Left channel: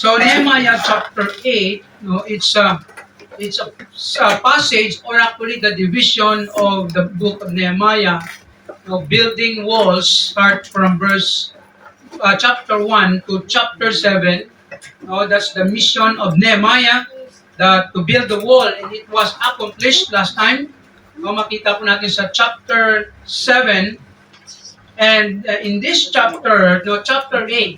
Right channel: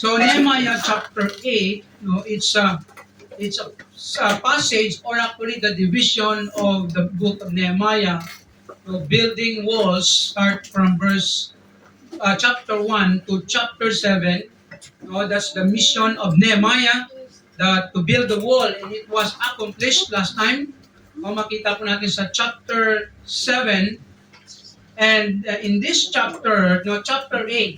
So Nehemiah chapter 8, no, it's a passage, or actually the division of the book of Nehemiah. No, building walls start from verse chapter 1 to chapter 7. No, that's the mission of Nehemiah, that to build the wall, and it was accomplished last time. No, makita po natin sa chapter 7. And in this chapter, no, chapter 8,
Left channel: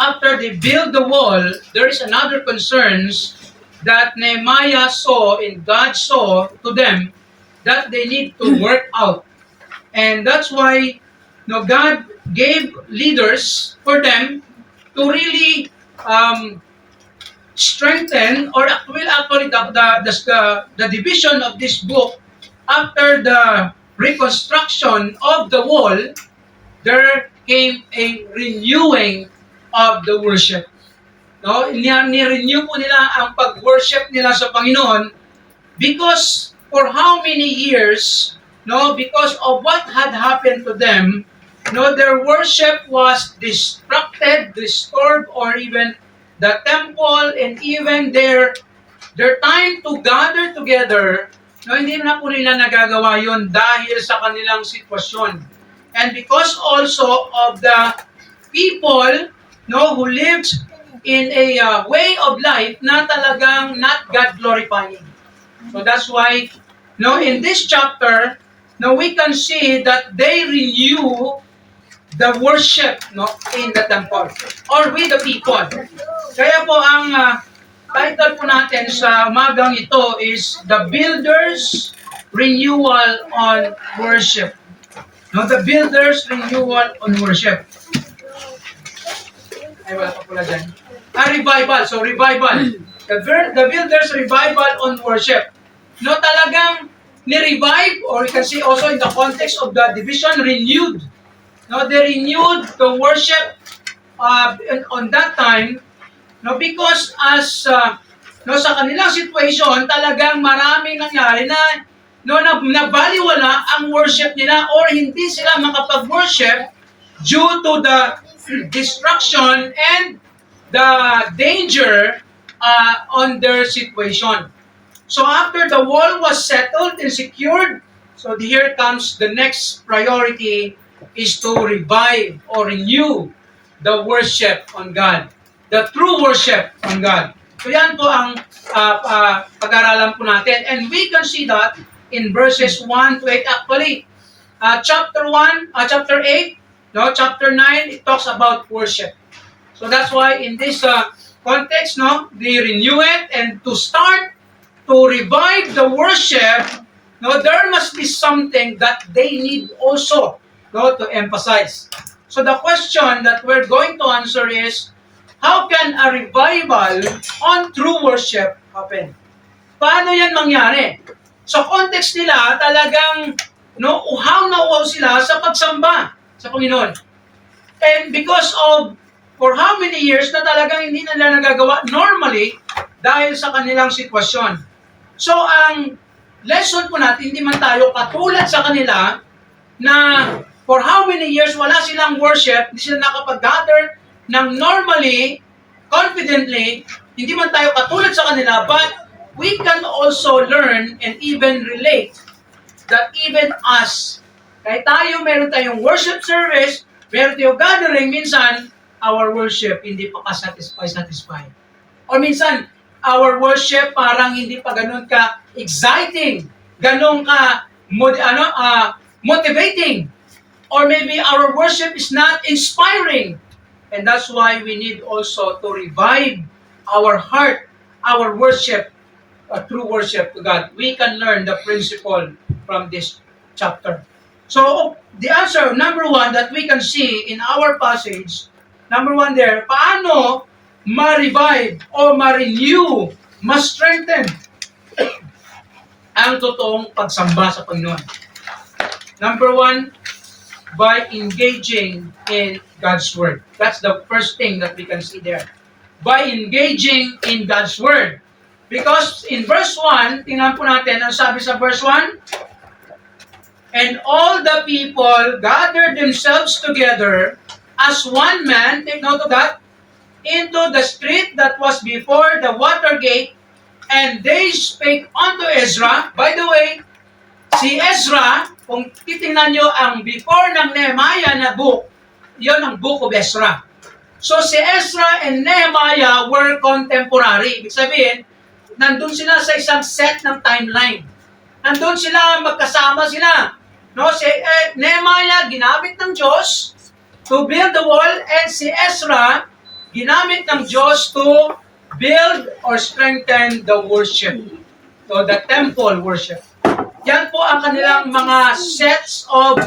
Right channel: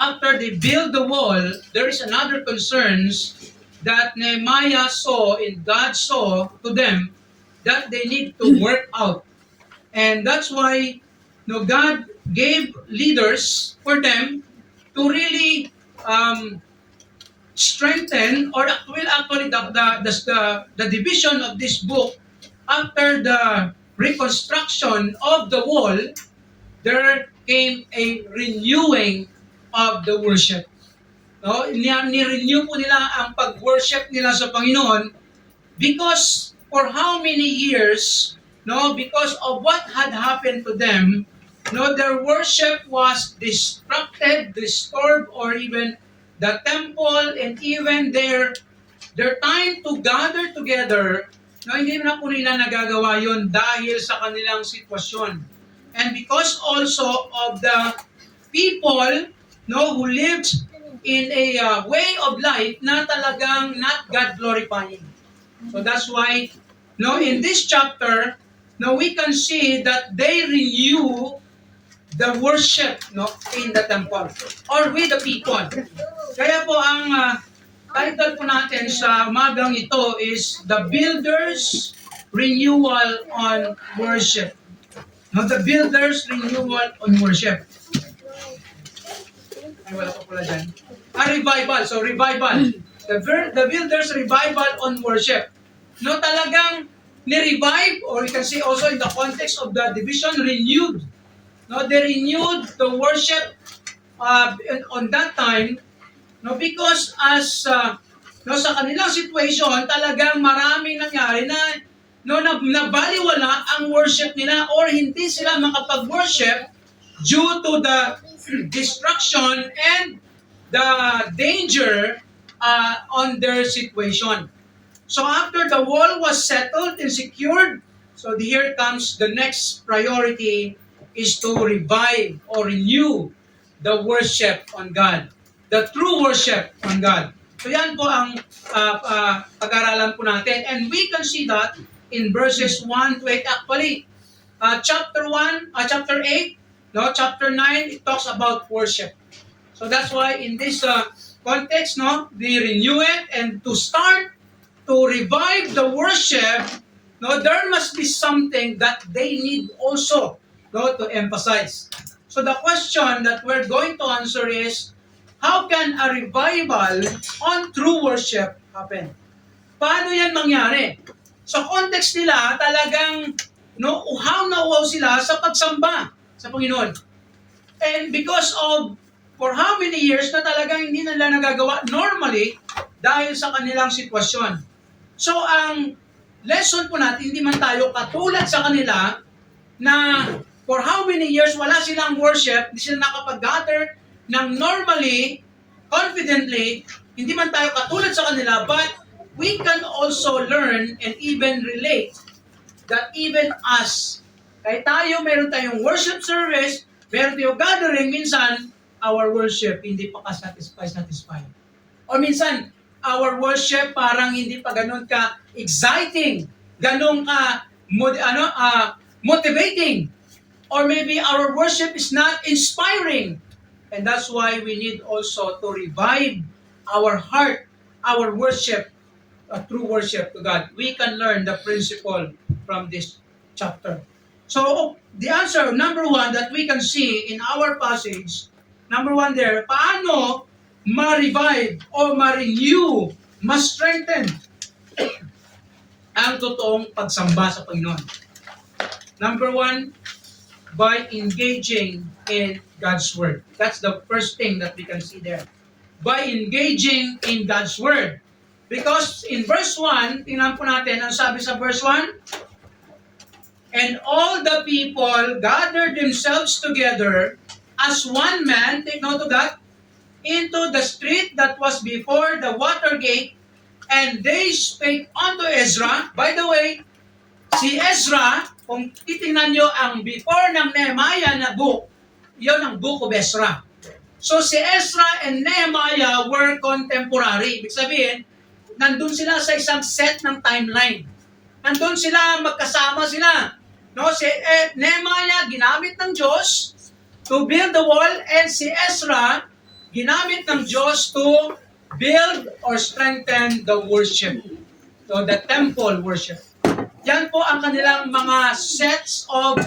after they build the wall, there is another concerns that Nehemiah saw and God saw to them that they need to work out. And that's why, no, God gave leaders for them to really strengthen, or will actually the division of this book after the reconstruction of the wall. There came a renewing of the worship. No, ni-renew po nila ang pag-worship nila sa Panginoon, because for how many years, no, because of what had happened to them, no, their worship was distracted, disturbed, or even the temple and even their time to gather together, no, hindi na po nila nagagawa yon dahil sa kanilang sitwasyon. And because also of the people, no, who lived in a way of life na talagang not God glorifying. So that's why, no, in this chapter, no, we can see that they renew the worship, no, in the temple or with the people. Kaya po ang title po natin sa umagang ito is The Builders Renewal on Worship. No, the Builders Renewal on Worship. Ay, wala pa pula dyan. Revival. So, revival. The Builders Revival on Worship. No, talagang ni-revive, or you can see also in the context of the division, renewed. No, they renewed the worship on that time. No, because as no, sa kanilang situation, talagang maraming nangyari na nabaliwala ang worship nila, or hindi sila makapag-worship due to the destruction and the danger on their situation. So after the wall was settled and secured, so here comes the next priority, is to revive or renew the worship on God. The true worship on God. So yan po ang pag-aralan po natin. And we can see that in verses 1 to 8. Actually, chapter 8, no, chapter 9, it talks about worship. So that's why in this context, no, they renew it, and to start to revive the worship, no, there must be something that they need also, no, to emphasize. So the question that we're going to answer is, how can a revival on true worship happen? Paano yan mangyari? Sa context nila, talagang uhaw na uhaw sila sa pagsamba sa Panginoon. And because of, for how many years na talagang hindi nila nagagawa normally dahil sa kanilang sitwasyon. So ang lesson po natin, hindi man tayo katulad sa kanila na for how many years wala silang worship, hindi sila nakapag-gather ng normally, confidently, hindi man tayo katulad sa kanila, but we can also learn and even relate that even us, kahit tayo meron tayong worship service, meron tayong gathering, minsan, our worship hindi pa satisfied. Or minsan, our worship parang hindi pa ganun ka exciting, ganun ka motivating. Or maybe our worship is not inspiring. And that's why we need also to revive our heart, our worship, true worship to God. We can learn the principle from this chapter. So, the answer, number one, that we can see in our passage, number one there, paano ma-revive o ma-renew, ma-strengthen ang totoong pagsamba sa Panginoon. Number one, by engaging in God's Word. That's the first thing that we can see there. By engaging in God's Word. Because in verse 1, tingnan po natin, ang sabi sa verse 1, and all the people gathered themselves together as one man, take note of that, into the street that was before the water gate, and they spake unto Ezra. By the way, si Ezra, kung titingnan nyo ang before ng Nehemiah na book, yon ang book of Ezra. So si Ezra and Nehemiah were contemporary. Ibig sabihin, nandun sila sa isang set ng timeline. Nandun sila, magkasama sila. No, si Nehemiah ginamit ng Diyos to build the wall, and si Ezra ginamit ng Diyos to build or strengthen the worship. So the temple worship. Yan po ang kanilang mga sets of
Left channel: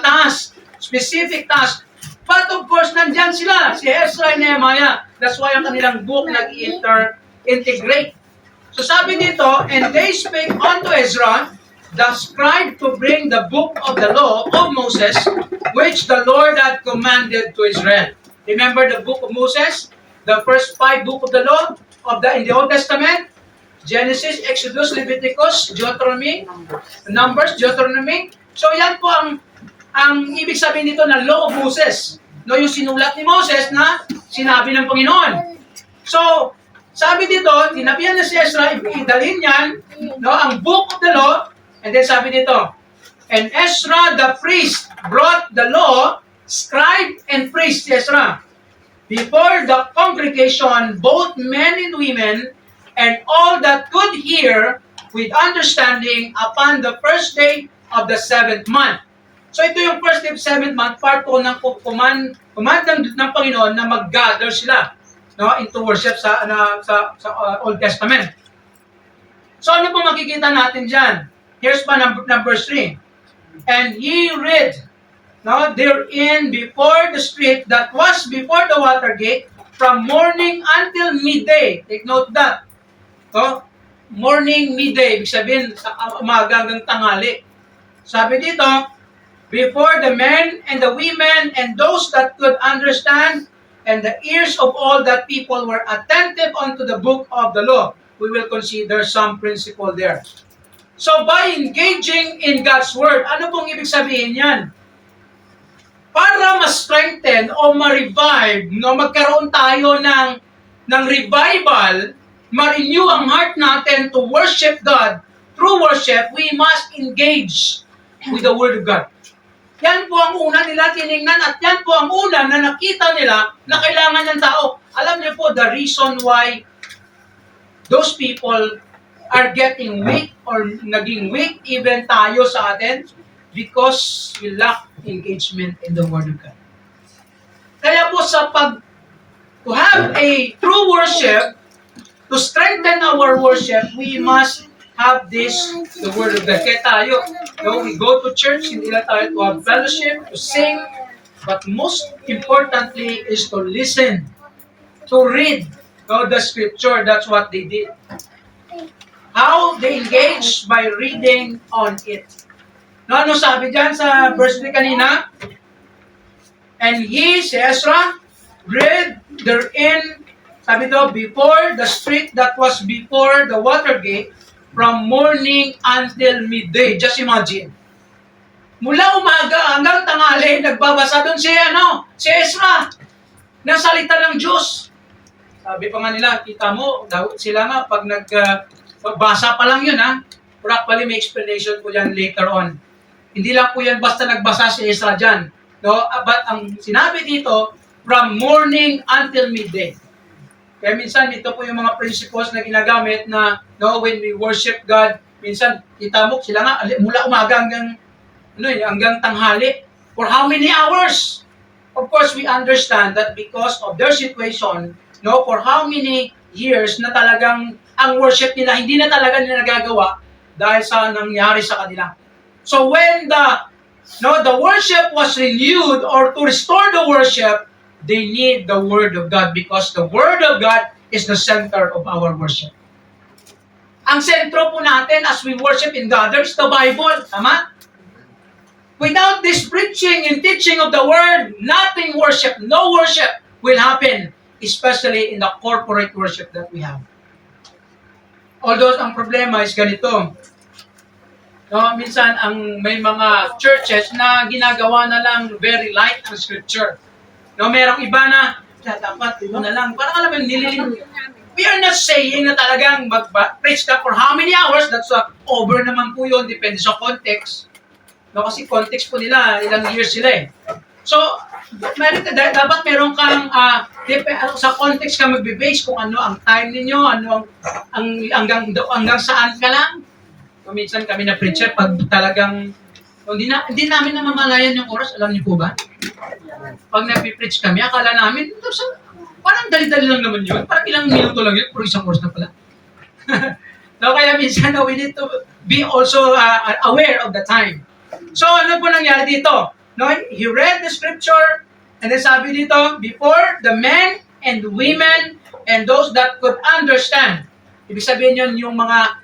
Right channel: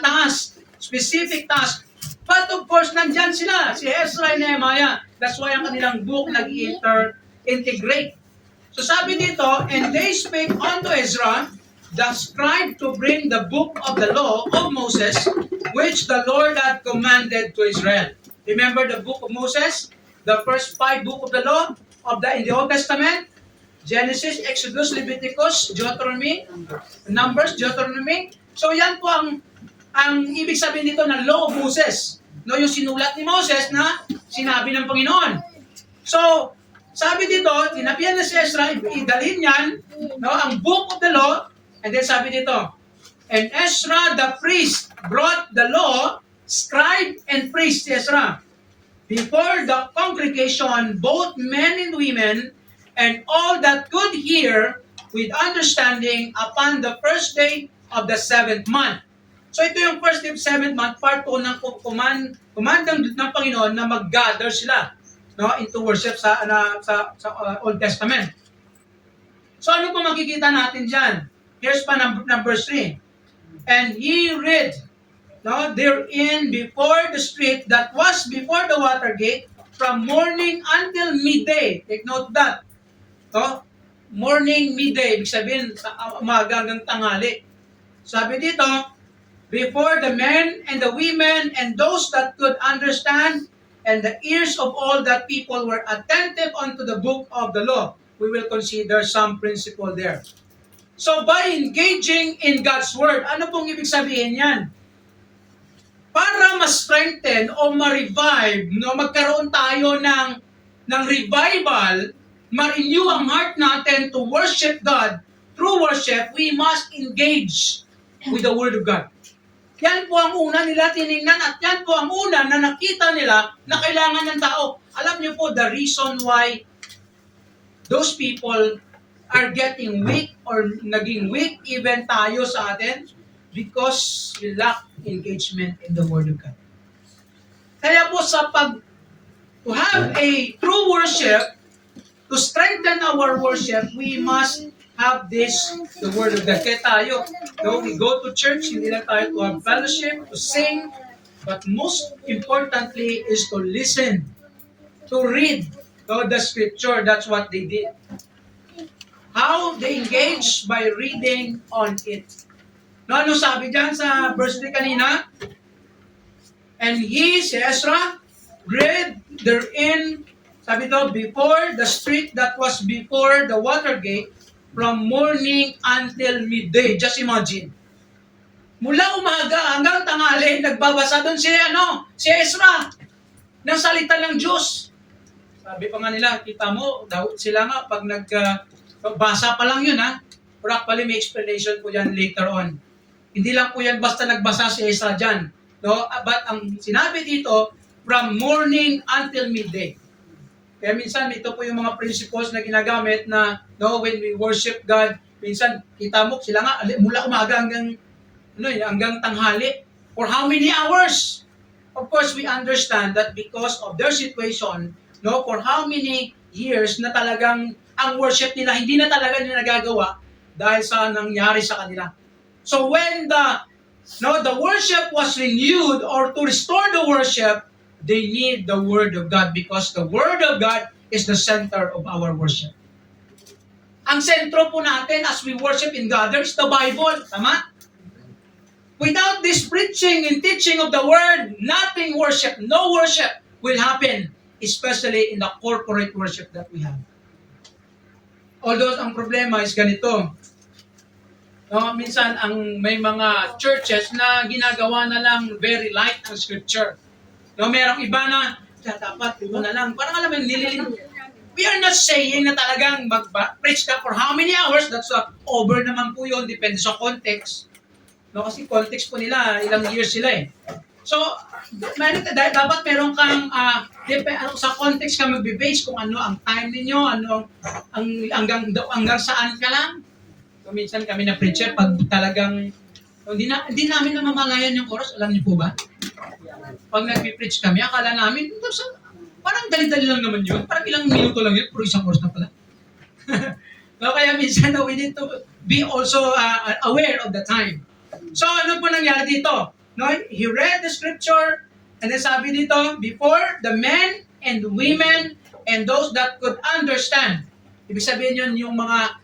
tasks, specific tasks. But of course, nandyan sila, si Ezra and Nehemiah. That's why ang kanilang book nag-integrate. So sabi dito, and they spake unto Ezra, the scribe, to bring the book of the law of Moses, which the Lord had commanded to Israel. Remember the book of Moses? The first 5 book of the law in the Old Testament? Genesis, Exodus, Leviticus, Deuteronomy, Numbers, Deuteronomy. So yan po ang ibig sabihin dito na law of Moses. No, yung sinulat ni Moses na sinabi ng Panginoon. So, sabi dito, tinabihan na si Ezra, idalhin yan, no, ang book of the law, and then sabi dito, and Ezra the priest brought the law, scribe and priest, Ezra, before the congregation, both men and women, and all that could hear with understanding upon the first day of the 7th month. So ito yung first day of 7th month, part po ng command ng Panginoon na mag-gather sila, no, into worship sa Old Testament. So ano po makikita natin dyan? Here's pa number 3. And he read, no, therein before the street that was before the water gate, from morning until midday. Take note that. No? Morning, midday. Ibig sabihin, sa umaga hanggang tanghali. Sabi dito, before the men and the women and those that could understand, and the ears of all that people were attentive unto the book of the law. We will consider some principle there. So by engaging in God's Word, ano pong ibig sabihin yan? Para ma-strengthen o ma-revive, no, magkaroon tayo ng revival, ma-renew ang heart natin to worship God. Through worship, we must engage with the Word of God. Yan po ang una nila tinignan at yan po ang una na nakita nila na kailangan ng tao. Alam niyo po the reason why those people are getting weak or naging weak even tayo sa atin because we lack engagement in the Word of God. Kaya po to have a true worship, to strengthen our worship, we must have the Word of God. Kaya tayo, we go to church, hindi lang tayo to have fellowship, to sing, but most importantly is to listen, to read the Scripture. That's what they did. How they engage? By reading on it. No, ano sabi dyan sa verse 3 kanina? And he, si Ezra, read therein, sabi daw, before the street that was before the water gate, from morning until midday. Just imagine. Mula umaga hanggang tanghali, nagbabasa doon si Ezra, ng salita ng Diyos. Sabi pa nga nila, kita mo, sila nga, pag nagbasa pa lang yun, pero actually may explanation po yan later on. Hindi lang po yan basta nagbasa si Ezra dyan. No? But ang sinabi dito, from morning until midday. Kaya minsan, ito po yung mga principles na ginagamit na when we worship God, minsan, kita mo, sila nga, mula umaga hanggang tanghali. For how many hours? Of course, we understand that because of their situation, for how many years na talagang ang worship nila, hindi na talaga nila nagagawa dahil sa nangyari sa kanila. So when the worship was renewed or to restore the worship, they need the Word of God because the Word of God is the center of our worship. Ang sentro po natin as we worship in God, there's the Bible. Tama? Without this preaching and teaching of the Word, nothing worship, no worship will happen, especially in the corporate worship that we have. Although ang problema is ganito. Minsan may mga churches na ginagawa na lang very light ang scripture. Merong iba na dapat ito na lang. Parang alam mo, nililim. We are not saying na talagang mag-preach ka for how many hours. That's over naman po yun. Depende sa context. No, kasi context po nila, ilang years sila eh. So, dapat meron kang, sa context ka magbe-base kung ano ang time ninyo, ano ang hanggang saan ka lang. So, minsan kami na preacher, pag talagang, hindi namin namamalayan yung oras, alam niyo po ba? Pag nag-preach kami, akala namin, parang dali-dali lang naman yun. Parang ilang minuto lang yun, pero isang oras na pala. No, kaya minsan we need to be also aware of the time. So, ano po nangyari dito? No, he read the scripture, and then sabi dito, before the men and women and those that could understand. Ibig sabihin yun, yung mga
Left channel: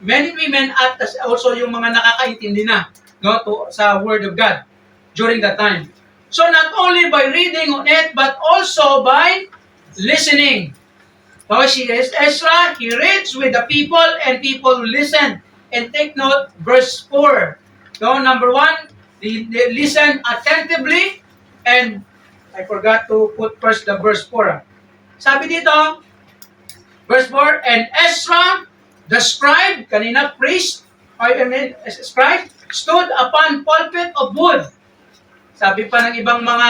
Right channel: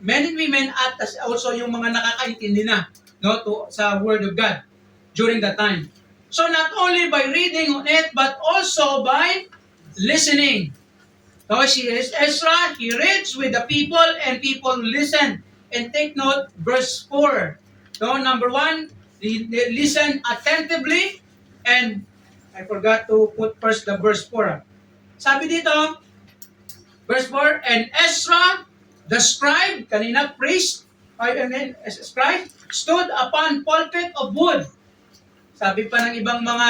men and women at also yung mga nakakaintindi na, no, sa Word of God during that time. So, not only by reading on it, but also by listening. So, Ezra, he reads with the people, and people listen and take note. Verse 4. No, number 1, they listen attentively, and I forgot to put first the verse 4. Sabi dito, verse 4, and Ezra, the scribe, kanina priest, scribe, stood upon pulpit of wood. Sabi pa ng ibang mga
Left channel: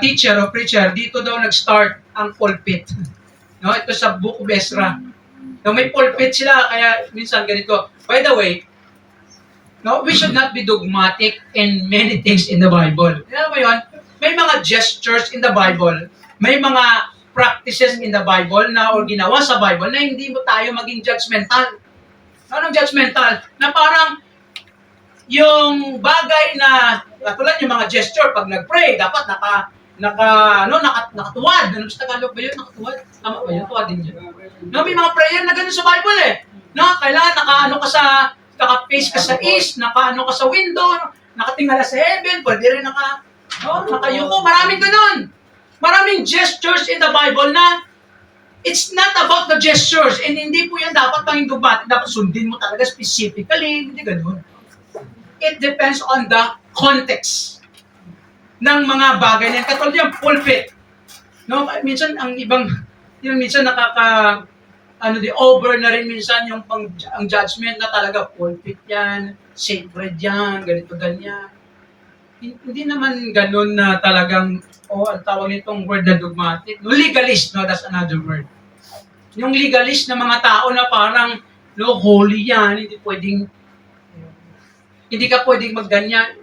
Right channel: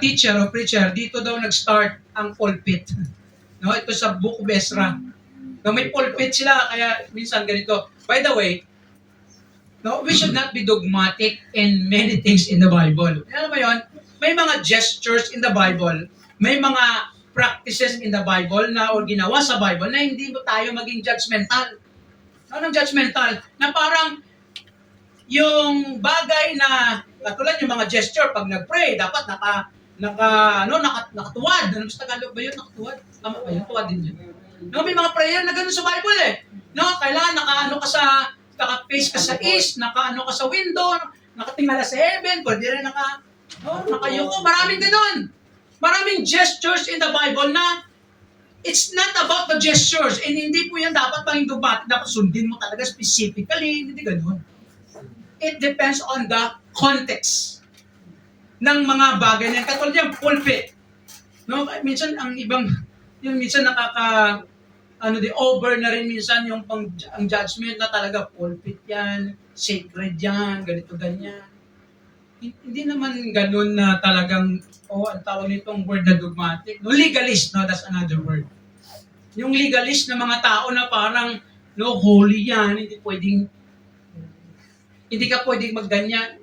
teacher o preacher, dito daw nag-start ang pulpit. No, ito sa Book of Ezra. No, may pulpit sila, kaya minsan ganito. By the way, no, we should not be dogmatic in many things in the Bible. Alam mo yun? May mga gestures in the Bible, may mga practices in the Bible na o ginawa sa Bible na hindi mo tayo maging judgmental. Anong judgmental? Na parang yung bagay na katulad yung mga gesture pag nag-pray, dapat nakatuwad. Ano sa Tagalog ba yun? Nakatuwad? Tama ba yun? Tuwad din yun. No, may mga prayer na ganun sa Bible eh. No, kailangan naka-face ka sa east, naka-ano ka sa window, nakatingala sa heaven, pwede rin nakayuko. Maraming ganun. Maraming gestures in the Bible na it's not about the gestures, and hindi po yan dapat maging dogmatic, dapat sundin mo talaga specifically, hindi ganun. It depends on the context ng mga bagay na yan. Katulad yung pulpit. No, minsan ang ibang, yung minsan over na rin minsan yung ang judgment na talaga pulpit yan, sacred yan, ganito, ganyan. Hindi naman ganun na talagang, ang tawag nitong word na dogmatic. No, legalist, no, that's another word. Yung legalist na mga tao na parang, holy yan, hindi ka pwedeng magganyan.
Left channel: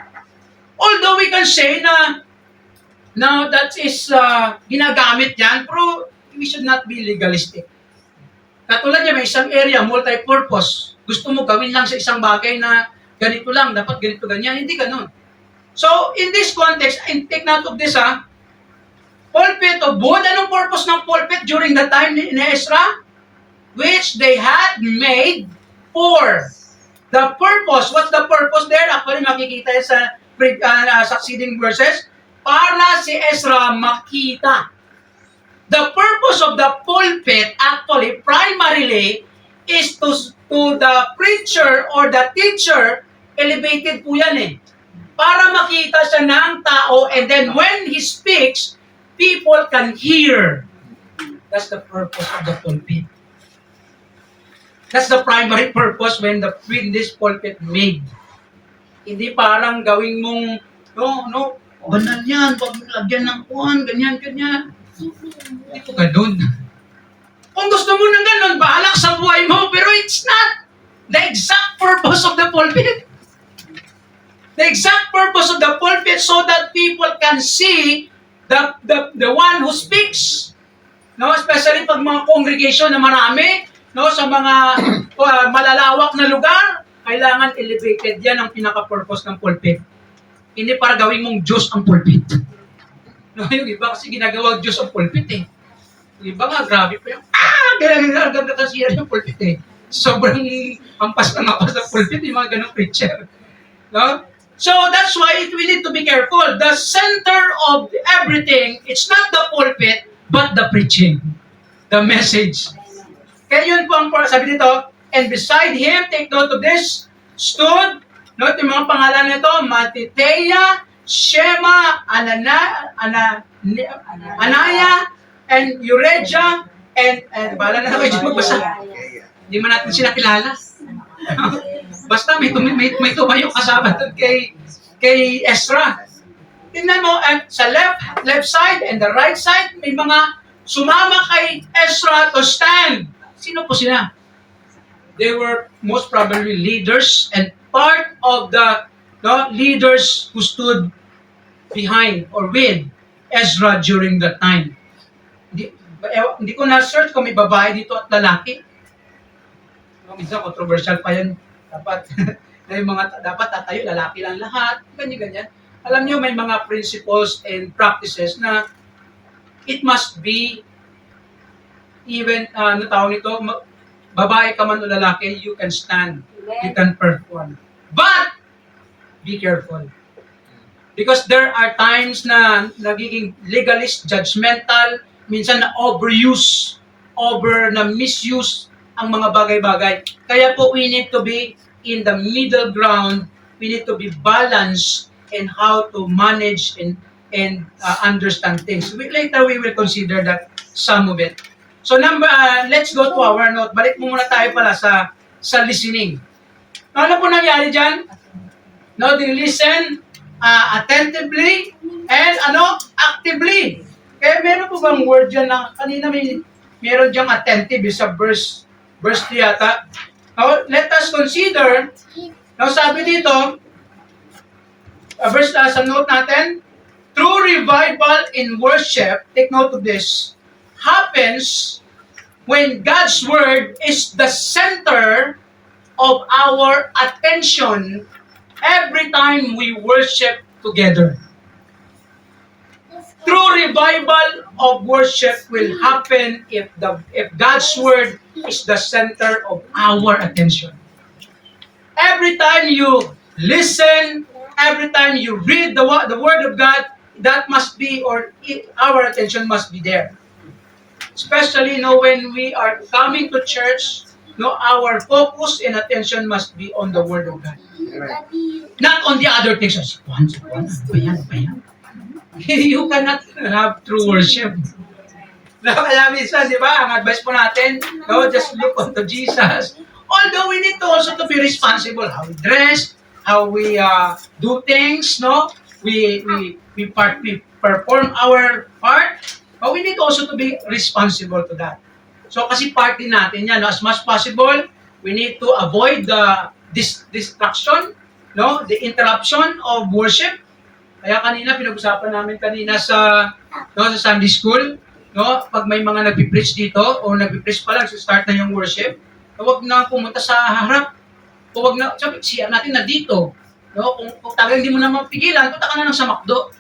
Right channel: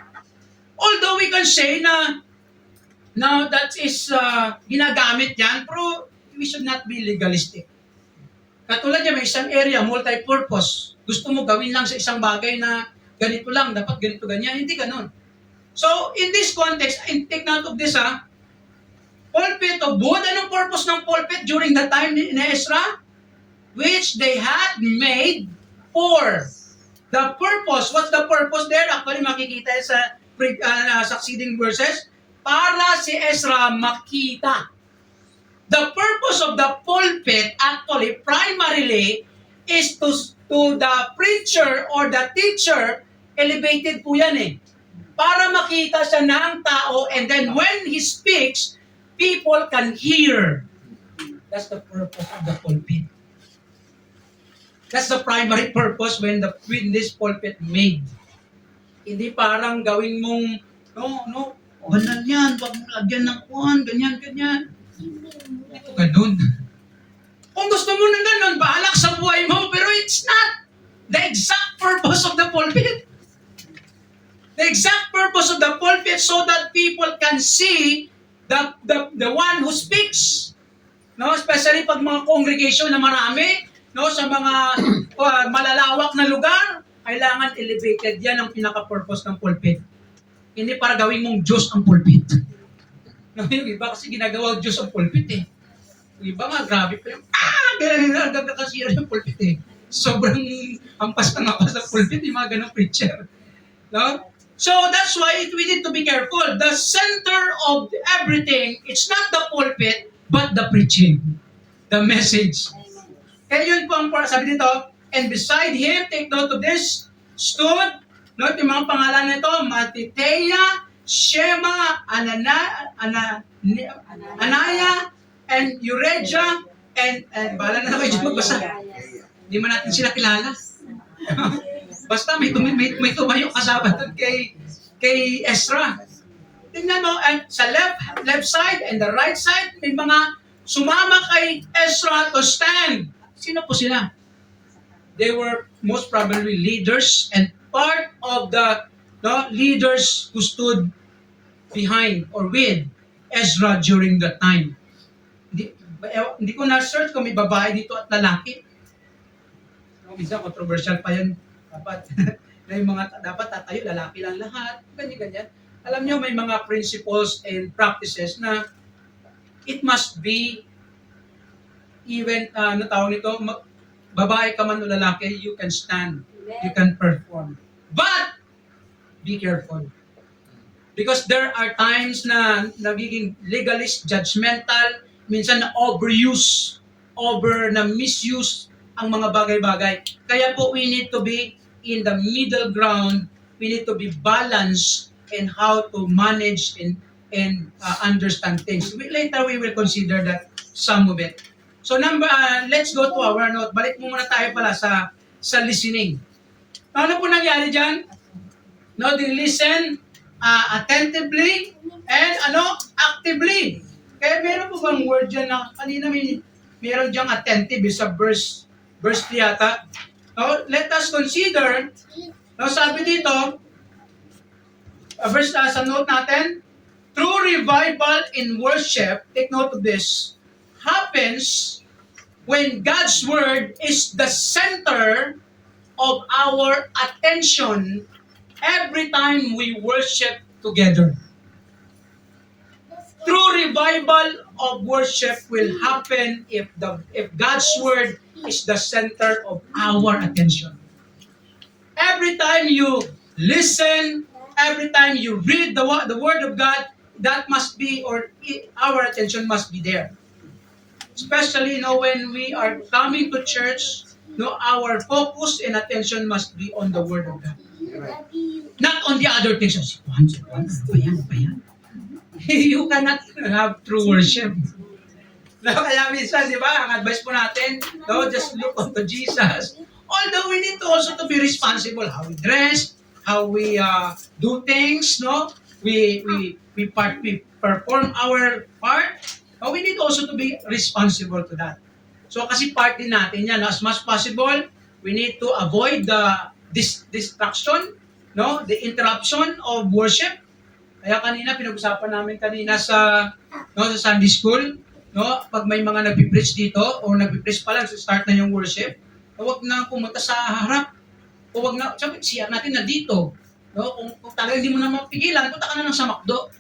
Although we can say na that is ginagamit yan, pero we should not be legalistic. Katulad niya, may isang area, multi-purpose. Gusto mo gawin lang sa isang bagay na ganito lang, dapat ganito, ganyan. Hindi ganun. So, in this context, take note of this, pulpit of wood. Anong purpose ng pulpit during the time ni Ezra? Which they had made for the purpose. What's the purpose there? Actually, makikita yan sa succeeding verses. Para si Ezra makita. The purpose of the pulpit actually primarily is to the preacher or the teacher, elevated po yan eh. Para makita siya ng tao, and then when he speaks, people can hear. That's the purpose of the pulpit. That's the primary purpose when this pulpit made. Hindi parang gawing mong, banal yan, wag mong lagyan ng kuhan, ganyan, ganyan. Ito ganun. Kung gusto mo ng ganun, bahala ka sa buhay mo, pero it's not the exact purpose of the pulpit. The exact purpose of the pulpit so that people can see the one who speaks. No, especially pag mga congregation na marami, no, sa mga malalawak na lugar, kailangan elevated. Yan ang pinaka-purpose ng pulpit. Hindi para gawing mong Diyos ang pulpit. No, yung iba kasi ginagawa Diyos ang pulpit eh. Yung iba nga, grabe pa yung, hanggang nakasira yung pulpit eh. Sobrang ampas na ampas ng pulpit, yung mga ganong preacher. No? So that's why we need to be careful. The center of everything, it's not the pulpit, but the preaching. The message. Kaya yun po ang sabi dito, and beside him, take note of this, stood, note yung mga pangalan nito, Matithea, Shema, Anaya, and Euregia, and bahala na kayo dyan magbasa. Hindi man natin sila kilala. Basta may tumayo kasama doon kay Ezra. Tingnan mo, at sa left side and the right side, may mga sumama kay Ezra to stand. Sino po sila? They were most probably leaders and part of the leaders who stood behind or with Ezra during that time. Hindi ko na-search kung may babae dito at lalaki. Minsan controversial pa yan. Dapat tatayo, lalaki lang lahat. Ganyan-ganyan. Alam niyo, may mga principles and practices na it must be even, tawag nito, babae ka man o lalaki, you can stand, you can perform. But, be careful. Because there are times na nagiging legalist, judgmental, minsan na overuse, na misuse ang mga bagay-bagay. Kaya po, we need to be in the middle ground. We need to be balanced in how to manage and understand things. Later, we will consider that some of it. So let's go to our note. Balik muna tayo pala sa listening. Ano po nangyari dyan? No, they listen attentively and actively. Kaya meron po bang word dyan na kanina meron dyan attentive sa verse 3 yata. No, let us consider, sabi dito, sa note natin, true revival in worship, take note of this, happens when God's Word is the center of our attention every time we worship together. True revival of worship will happen if God's Word is the center of our attention. Every time you listen, every time you read the Word of God, that must be, our attention must be there. Especially, when we are coming to church, our focus and attention must be on the Word of God. Right. Not on the other things. Ano ba yan? You cannot have true worship. Alam minsan, di ba, ang advice po natin, just look unto Jesus. Although we need to also to be responsible, how we dress, how we do things, we perform our part, but we need also to be responsible to that. So kasi part din natin yan, as much possible, we need to avoid the distraction, the interruption of worship. Kaya pinag-usapan namin sa Sunday school, pag may mga nagpi-preach dito o nagpi-preach pa lang, start na yung worship, huwag na pumunta sa harap. O huwag na, sabi, siya natin na dito. Kung talagang hindi mo na mapigilan, punta ka na lang sa McDo.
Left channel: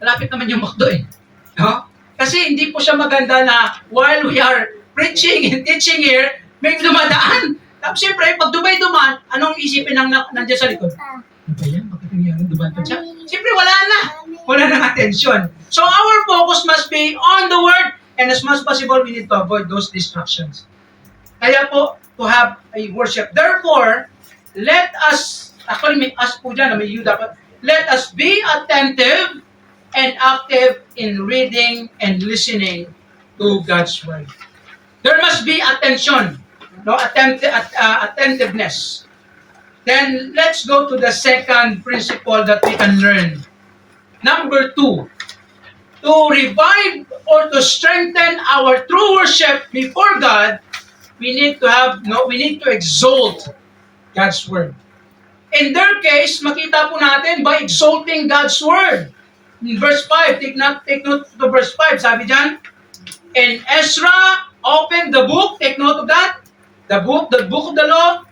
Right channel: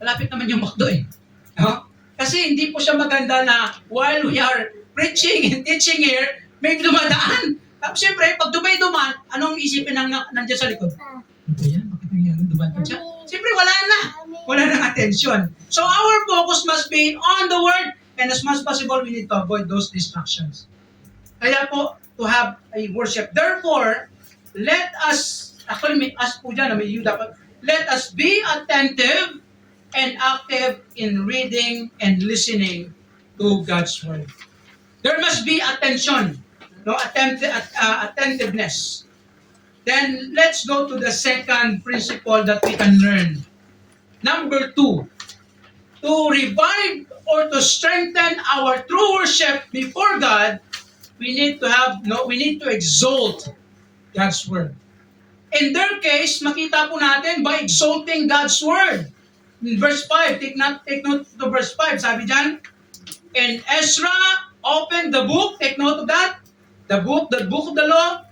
Malapit naman yung McDo eh. Kasi hindi po siya maganda na while we are preaching and teaching here, may dumadaan. Tapos siyempre, pag duman, anong isipin ng nandiyan sa likod? Ano ba yan? Bakit nangyari? Duman pa siya? Siyempre, wala na. Wala nang attention. So our focus must be on the Word, and as much as possible, we need to avoid those distractions. Kaya po, to have a worship. Therefore, let us, actually may us po dyan, may you dapat, let us be attentive and active in reading and listening to God's Word. There must be attention, attentiveness. Then, let's go to the second principle that we can learn. Number 2, to revive or to strengthen our true worship before God, we need to exalt God's Word. In their case, makita po natin by exalting God's Word. In verse 5, take note to verse 5, sabi dyan, and Ezra opened the book, take note of that, the book of the law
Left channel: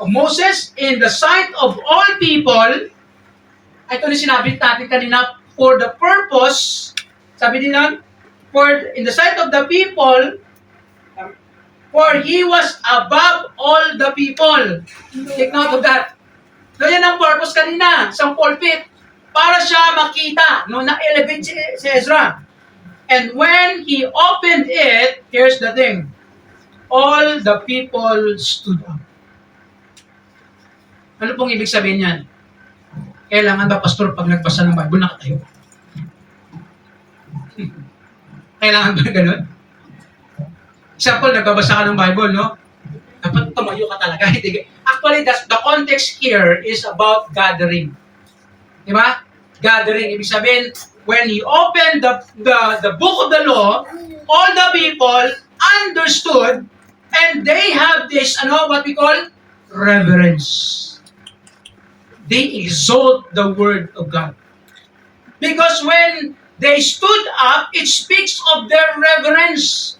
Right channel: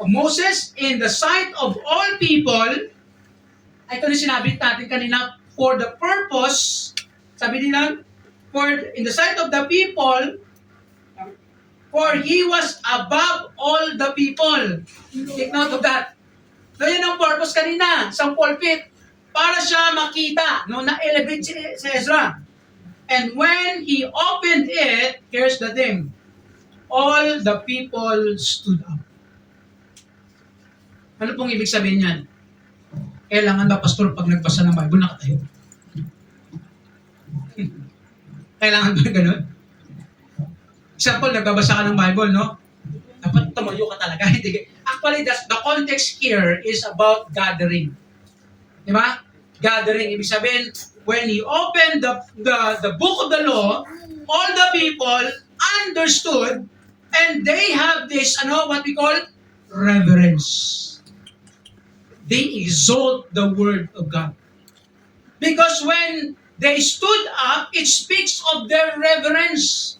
of Moses in the sight of all people. Ito ni sinabi natin kanina, for the purpose, sabi nila, in the sight of the people, for he was above all the people. Take note of that. So yan ang purpose kanina, sa pulpit, para siya makita, na-elevate si Ezra. And when he opened it, here's the thing, all the people stood up. Ano pong ibig sabihin yan? Kailangan ba, pastor, pag nagbasa ng Bible, nakatayo? Kailangan ba ganun? Example, nagbabasa ka ng Bible, no? Dapat tumayo ka talaga. Actually, the context here is about gathering. Di ba? Gathering. Ibig sabihin, when he opened the book of the law, all the people understood and they have this, what we call reverence. They exalt the word of God. Because when they stood up, it speaks of their reverence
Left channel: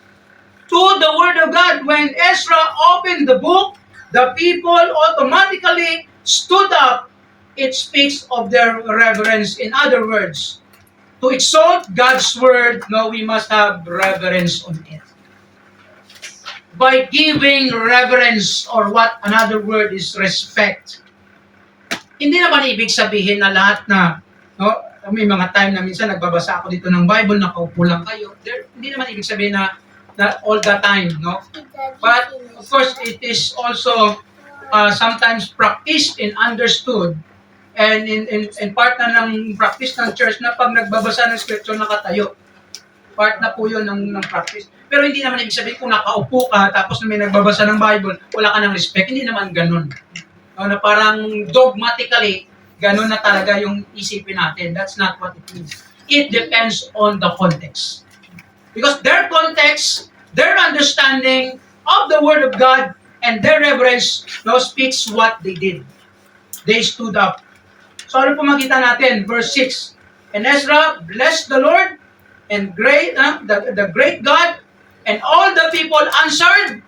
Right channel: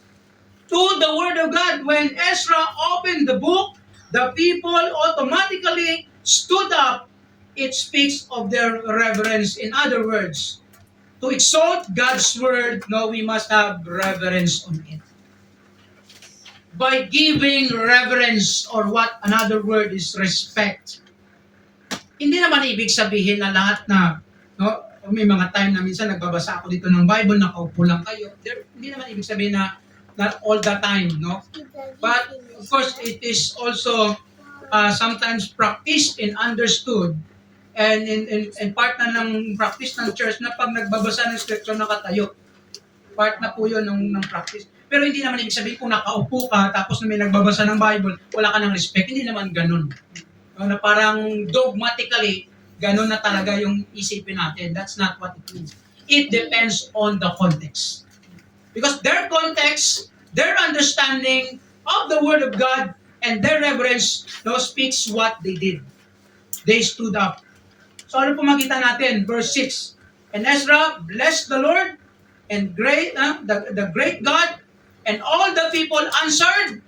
to the word of God. When Ezra opened the book, the people automatically stood up. It speaks of their reverence. In other words, to exalt God's word, we must have reverence on it. By giving reverence, or what another word is respect. Hindi naman ibig sabihin na lahat na, may mga time na minsan nagbabasa ako dito ng Bible, nakaupo lang kayo. Hindi naman ibig sabihin na all the time, no? But of course, it is also sometimes practiced and understood, and in part na ng practice ng church na pag nagbabasa ng scripture nakatayo. Part na po yun ng practice. Pero hindi naman ibig sabihin kung nakaupo ka tapos may nagbabasa ng Bible, wala ka ng respect. Hindi naman ganun. Na parang dogmatically, ganun na talaga yung isipin natin. That's not what it means. It depends on the context. Because their context, their understanding of the Word of God, and their reverence speaks what they did. They stood up. So ano po makita natin? Verse 6. And Ezra blessed the Lord and the great God, and all the people answered,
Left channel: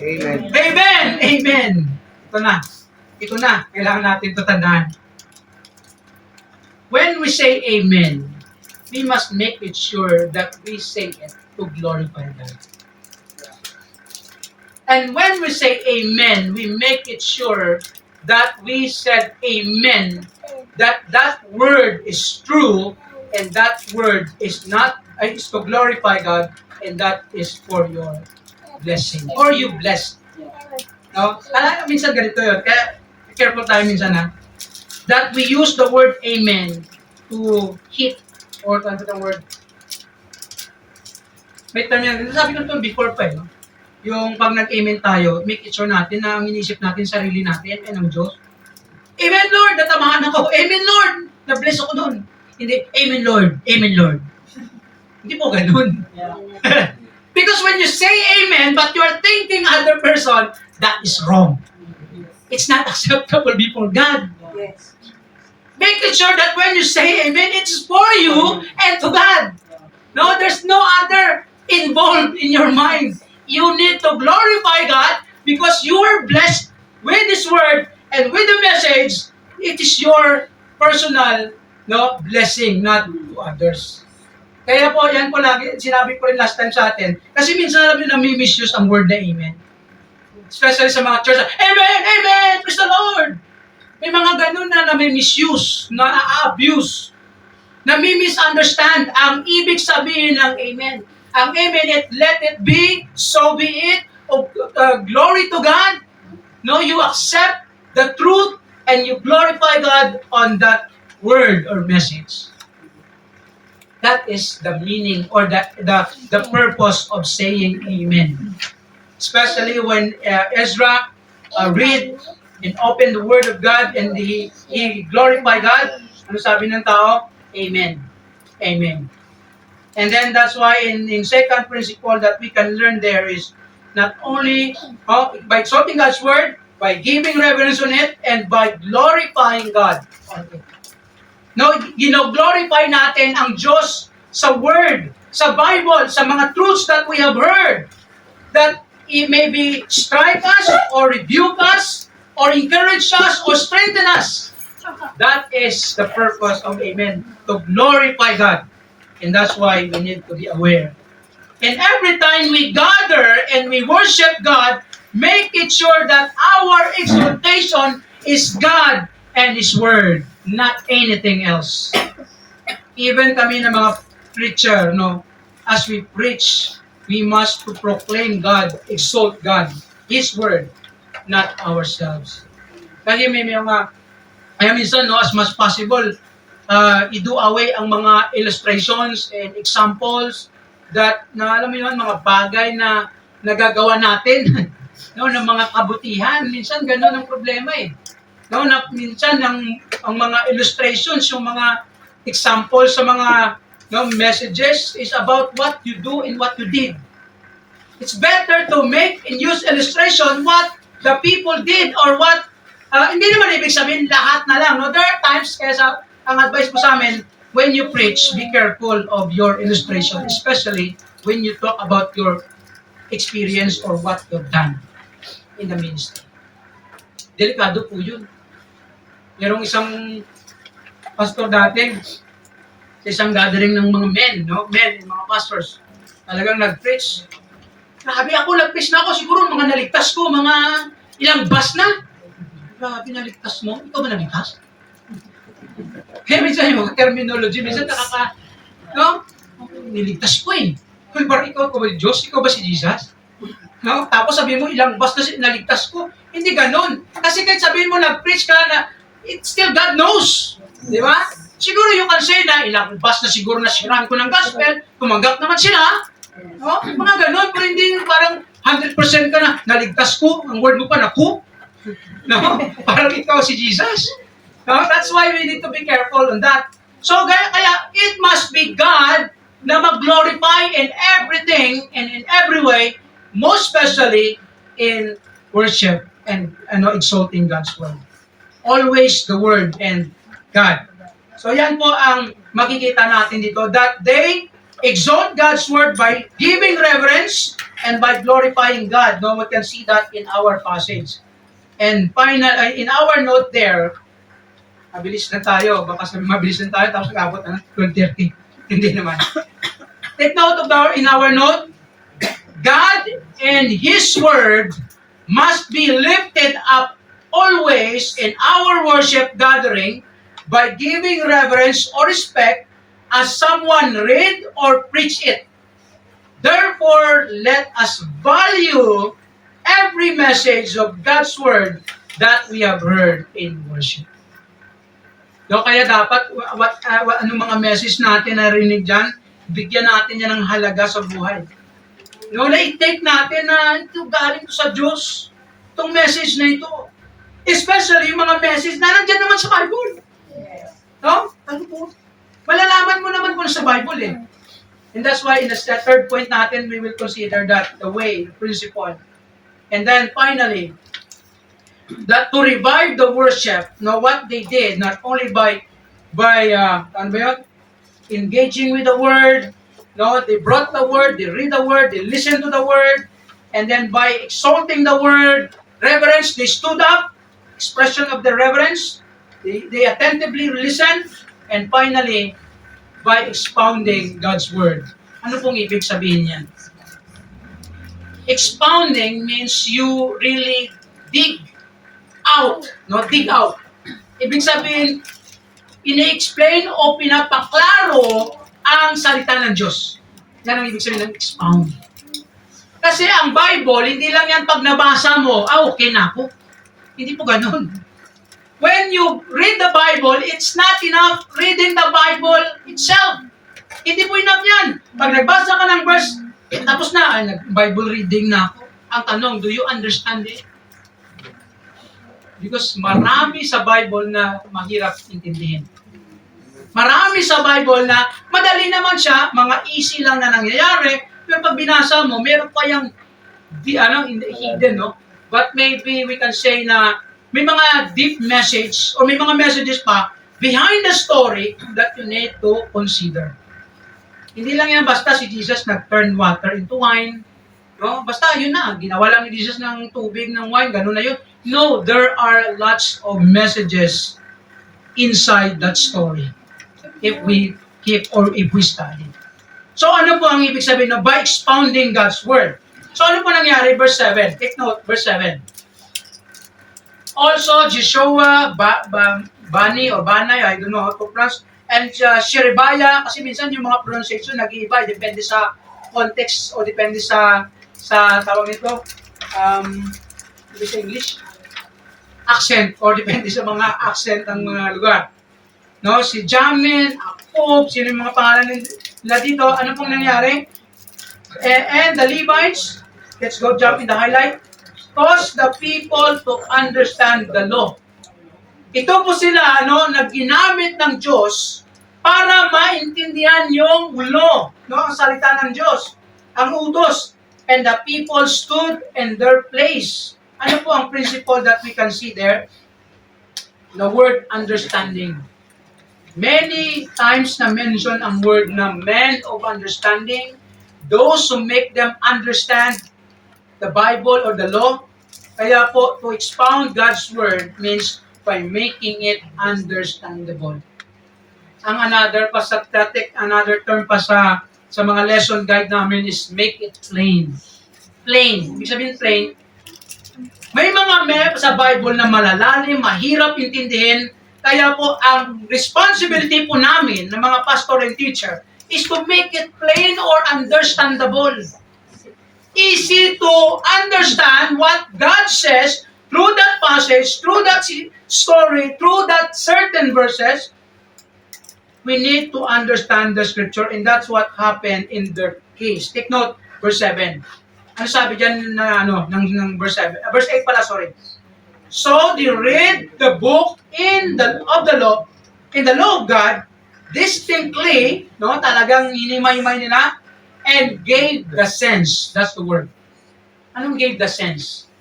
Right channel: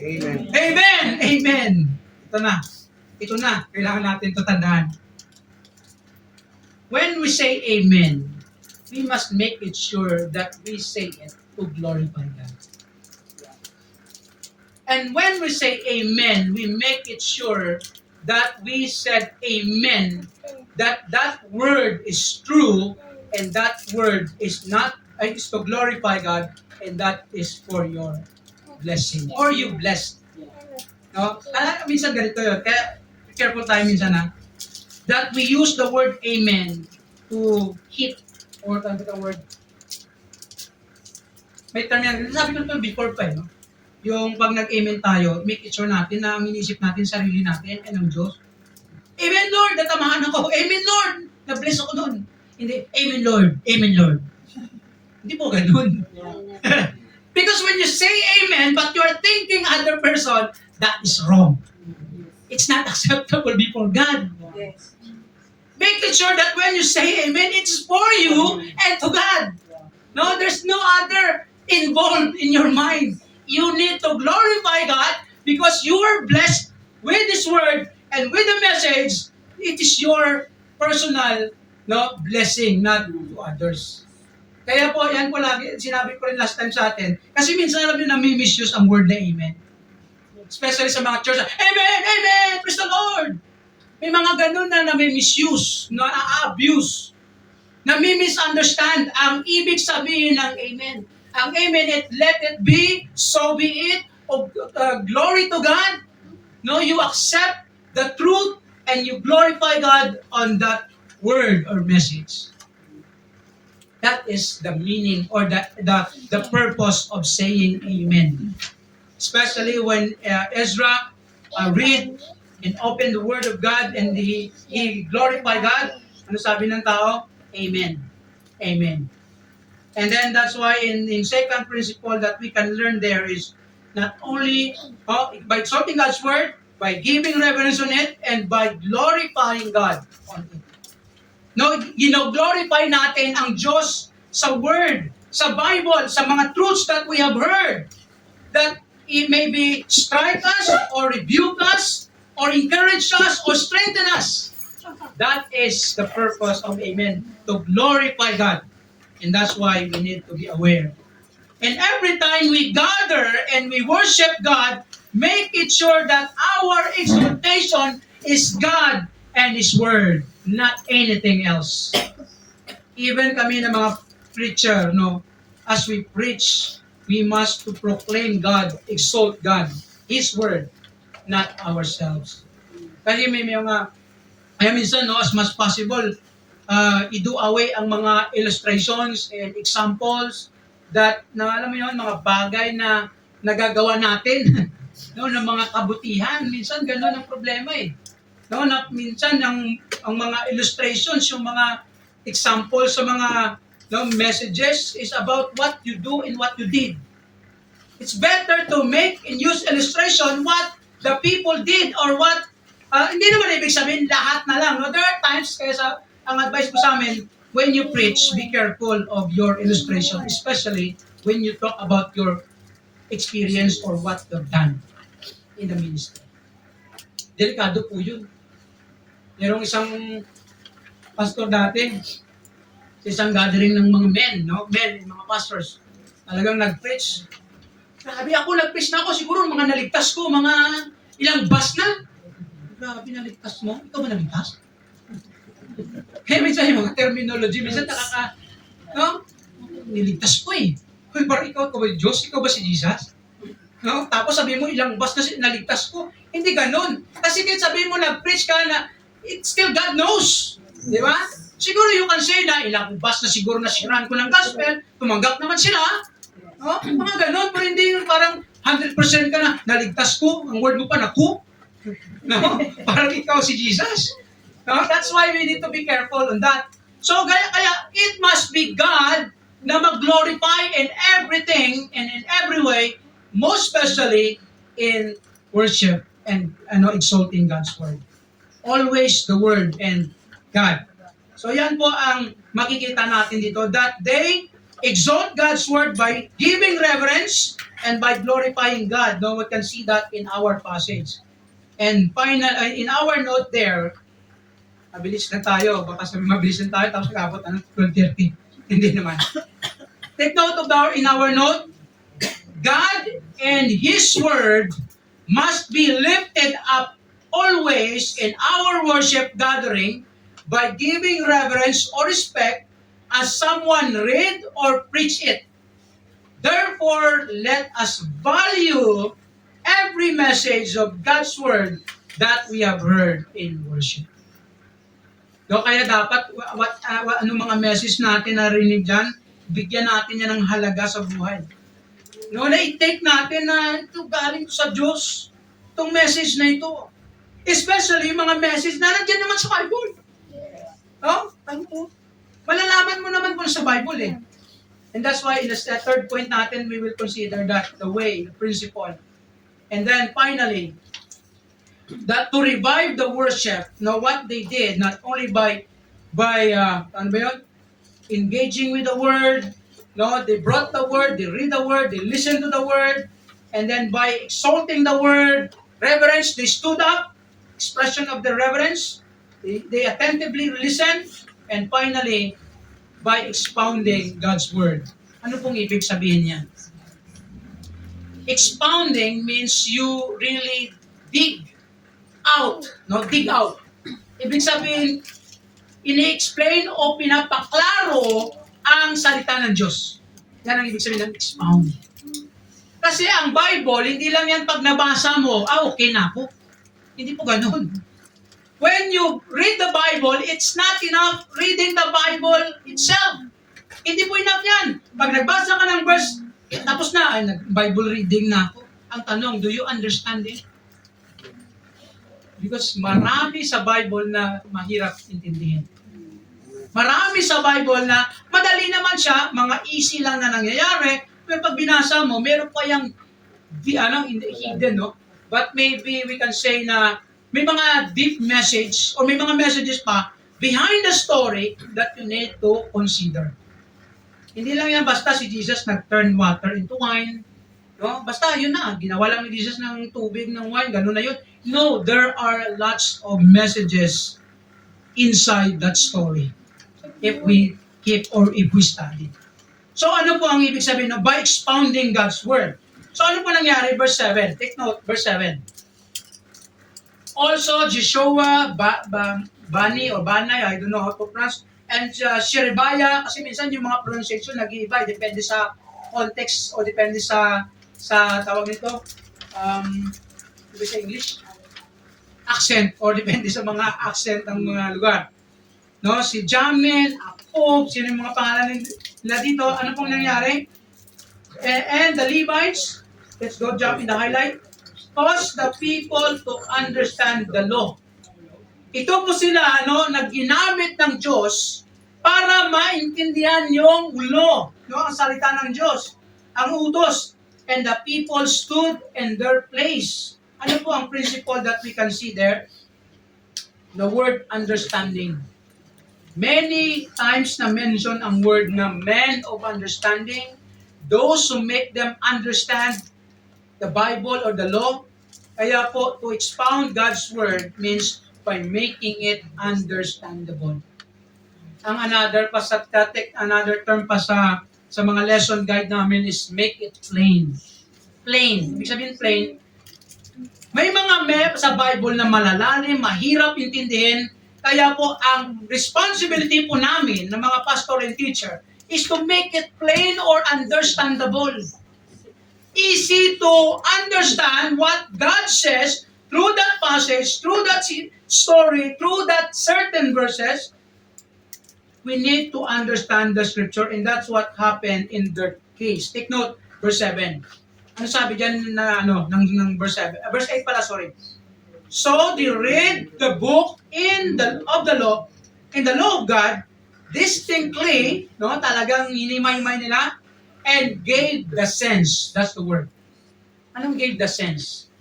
Amen. Amen! Amen! Ito na. Kailangan natin ito tandaan. When we say Amen, we must make it sure that we say it to glorify God. And when we say Amen, we make it sure that we said Amen, that word is true, and that word is to glorify God, and that is for your blessing, or you blessed. No? Minsan ganito yun. Kaya careful tayo minsan that we use the word Amen to hit, or ano itong word? May term yan. Sabi ko ito before pa no? Yung pag nag-amen tayo, make it sure natin na ang inisip natin sarili natin and ang Diyos. Amen Lord, natamahan ako. Amen Lord, na-bless ako doon. Hindi, Amen Lord, Amen Lord. Hindi po ganun. Yeah. Because when you say Amen, but you are thinking other person, that is wrong. It's not acceptable before God. Yes. Make it sure that when you say Amen, it's for you and to God. No, there's no other involved in your mind. You need to glorify God because you are blessed with this word and with the message. It is your personal blessing, not to others. Kaya po, yan po lagi, sinabi ko rin last time sa atin, kasi minsan alam nyo nami-misuse ang word na Amen. Especially sa mga church, Amen! Amen! Praise the Lord! May mga ganun na nami-misuse, na-abuse, nami-misunderstand ang ibig sabihin ng Amen. Ang Amen, let it be, so be it, glory to God. No, you accept the truth and you glorify God on that word or message. That is the meaning or the purpose of saying Amen. Especially when Ezra read and opened the Word of God and he glorified God. Ano sabi ng tao? Amen. Amen. And then that's why in second principle that we can learn there is not only by exalting God's Word, by giving reverence on it, and by glorifying God on it. No, glorify natin ang Diyos sa Word, sa Bible, sa mga truths that we have heard, that it may be strike us, or rebuke us, or encourage us, or strengthen us. That is the purpose of Amen, to glorify God. And that's why we need to be aware. And every time we gather and we worship God, make it sure that our exaltation is God and His Word, not anything else. Even kami na mga preacher, as we preach, we must to proclaim God, exalt God, His Word, not ourselves. Kasi may mga, minsan, as much possible, i-do away ang mga illustrations and examples na alam mo yun, mga bagay na nagagawa natin, no, ng mga kabutihan. Minsan ganun ang problema eh. No, na minsan ang mga illustrations, yung mga examples sa mga messages is about what you do and what you did. It's better to make and use illustration what the people did or what hindi naman ibig sabihin lahat na lang. No? There are times, kaya ang advice ko sa amin, when you preach, be careful of your illustration, especially when you talk about your experience or what you've done in the ministry. Delikado po yun. Merong isang pastor dating sa isang gathering ng mga men, mga pastors, talagang nag-preach. Grabe ako, nag-preach na ako, siguro mga naligtas ko, mga ilang bus na. Grabe, naligtas mo? Ikaw ba naligtas? Kaya minsan yung mga terminology, minsan niligtas ko eh. Parang ikaw ba Diyos? Ikaw ba si Jesus? No? Tapos sabihin mo, ilang bus na naligtas ko. Hindi ganun. Kasi kahit sabihin mo, nag-preach ka na, it's still God knows. Di ba? Siguro you can say na ilang bus na siguro na siraan ko ng gospel, tumanggap naman sila. No? Mga ganun, pero hindi parang 100% ka na, naligtas ko, ang word mo pa, naku. No? Parang ikaw si Jesus. No? That's why we need to be careful on that. So, kaya it must be God na mag-glorify in everything and in every way, most especially in worship and exalting God's word. Always the word and God. So yan po ang makikita natin dito, that they exalt God's word by giving reverence and by glorifying God. No, we can see that in our passage. And final, in our note there, mabilis na tayo, baka sabi mabilis na tayo, tapos nag-abot na ng 12:30. Hindi naman. Take note of in our note, God and His word must be lifted up always in our worship gathering by giving reverence or respect as someone read or preach it. Therefore, let us value every message of God's word that we have heard in worship. No, kaya dapat, anong mga message natin narinig dyan, bigyan natin yan ng halaga sa buhay. No, na-take natin na ito galing sa Diyos, itong message na ito. Especially yung mga message na nandiyan naman sa Bible. No? Ano po? Malalaman mo naman kung sa Bible eh. And that's why in the third point natin, we will consider that the way, the principle. And then finally, that to revive the worship, what they did, not only by engaging with the word, they brought the word, they read the word, they listened to the word, and then by exalting the word, reverence, they stood up, expression of the reverence, they attentively listened, and finally, by expounding God's word. Ano pong ibig sabihin niyan? Expounding means you really dig out. Dig out. Ibig sabihin, ini-explain o pinapaklaro ang salita ng Diyos. Yan ang ibig sabihin ng expound. Kasi ang Bible, hindi lang yan pag nabasa mo, okay na ako. Hindi po ganun. When you read the Bible, it's not enough reading the Bible itself. Hindi po enough yan. Pag nagbasa ka ng verse, tapos na, Bible reading na ako. Ang tanong, do you understand it? Because marami sa Bible na mahirap intindihin. Marami sa Bible na madali naman siya, mga easy lang na nangyayari, pero pag binasa mo, meron pa yung hidden, no? But maybe we can say na may mga deep message or may mga messages pa behind the story that you need to consider. Hindi lang yan basta si Jesus nag-turn water into wine. No? Basta yun na, ginawa lang ni Jesus ng tubig ng wine, ganun na yun. No, there are lots of messages inside that story if we keep or if we study. So ano po ang ibig sabihin by expounding God's word? So ano po nangyari? Verse 7. Take note, verse 7. Also, Joshua, Bani or Banay, I don't know how to pronounce, and Sherebiah, kasi minsan yung mga pronunciation nag-iiba, depende sa context o depende sa tawag nito, sa English, accent, or depende sa mga accent ng mga lugar. No, si Jamin, Akop, sino yung mga pangalan nila dito, ano pong nangyari? And the Levites, let's go jump in the highlight, cause the people to understand the law. Ito po sila, na ginamit ng Diyos para maintindihan yung law, ang salita ng Diyos, ang utos. And the people stood in their place. Ano po ang principle that we can see there? The word understanding. Many times na mention ang word na men of understanding, those who make them understand the Bible or the law. Kaya po, to expound God's word means by making it understandable. Ang another term pa sa mga lesson guide namin is make it plain. Plain. Ibig sabihin plain, may mga sa Bible na malalalim, mahirap intindihin, kaya po ang responsibility po namin ng mga pastor and teacher is to make it plain or understandable. Easy to understand what God says through that passage, through that story, through that certain verses. We need to understand the scripture, and that's what happened in their case. Take note, verse 7. Ano sabi dyan ng verse 7? Verse 8 pala, sorry. So they read the book of the law, in the law of God, distinctly, talagang hinimay-himay nila, and gave the sense. That's the word. Anong gave the sense?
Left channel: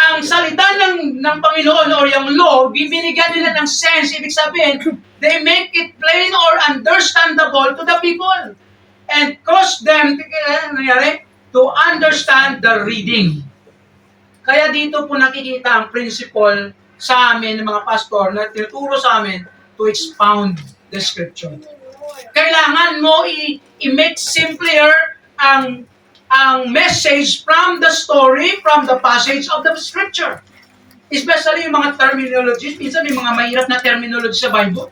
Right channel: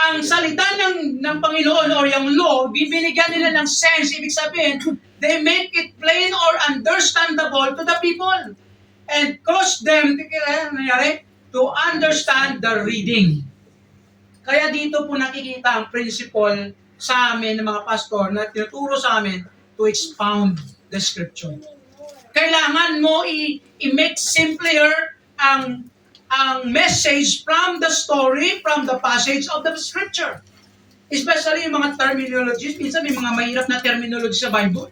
Ang salita ng Panginoon or yung law, bibinigyan nila ng sense. Ibig sabihin, they make it plain or understandable to the people. And cause them, to understand the reading. Kaya dito po nakikita ang principle sa amin ng mga pastor na tinuturo sa amin to expound the scripture. Kailangan mo i-make simpler ang message from the story, from the passage of the scripture. Especially yung mga terminologies. Minsan may mga mahirap na terminology sa Bible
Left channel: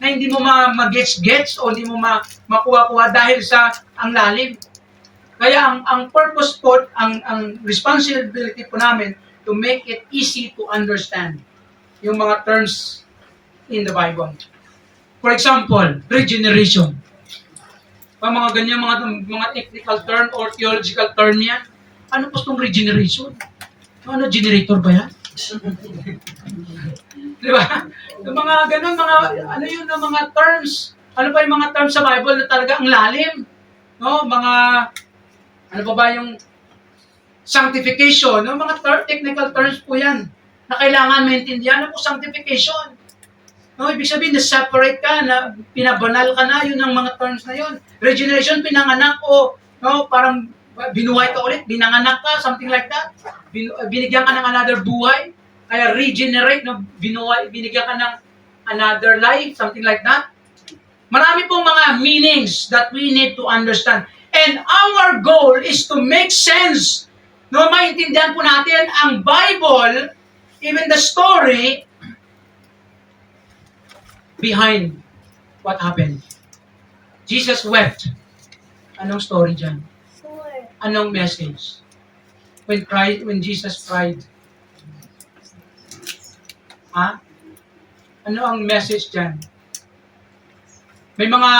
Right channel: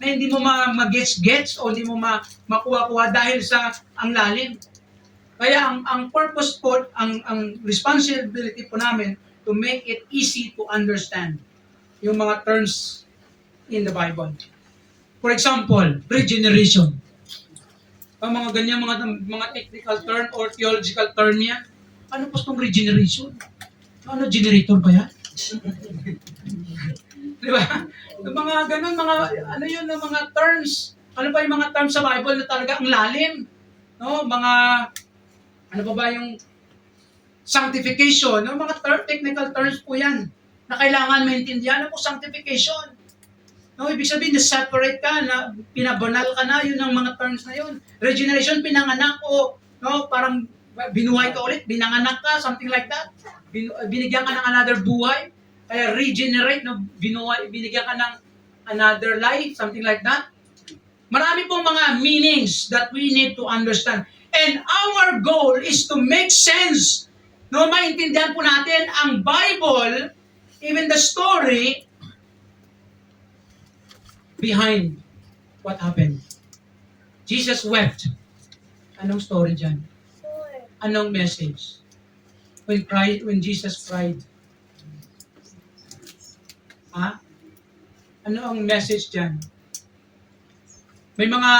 na hindi mo ma-gets o hindi mo makuha-kuha dahil sa ang lalim. Kaya ang purpose po, ang responsibility po namin to make it easy to understand yung mga terms in the Bible. For example, regeneration. Mga ganyan, mga technical term or theological term yan. Ano po itong regeneration? Ano, generator ba yan? Di ba? Yung mga ganun, mga terms. Ano pa yung mga terms sa Bible na talaga ang lalim? Ano pa ba yung sanctification? Mga technical terms po yan na kailangan maintindihan. Ano po sanctification? Ibig sabihin, na-separate ka, na pinabanal ka na, yun ang mga terms na yun. Regeneration, pinanganak o parang binuhay ka ulit, binanganak ka, something like that. Binigyan ka ng another buhay, kaya regenerate, binigyan ka ng another life, something like that. Marami pong mga meanings that we need to understand. And our goal is to make sense. Maintindihan po natin ang Bible, even the story, behind what happened. Jesus wept. Anong story dyan? Anong message? When Jesus cried. Ano ang message dyan? May mga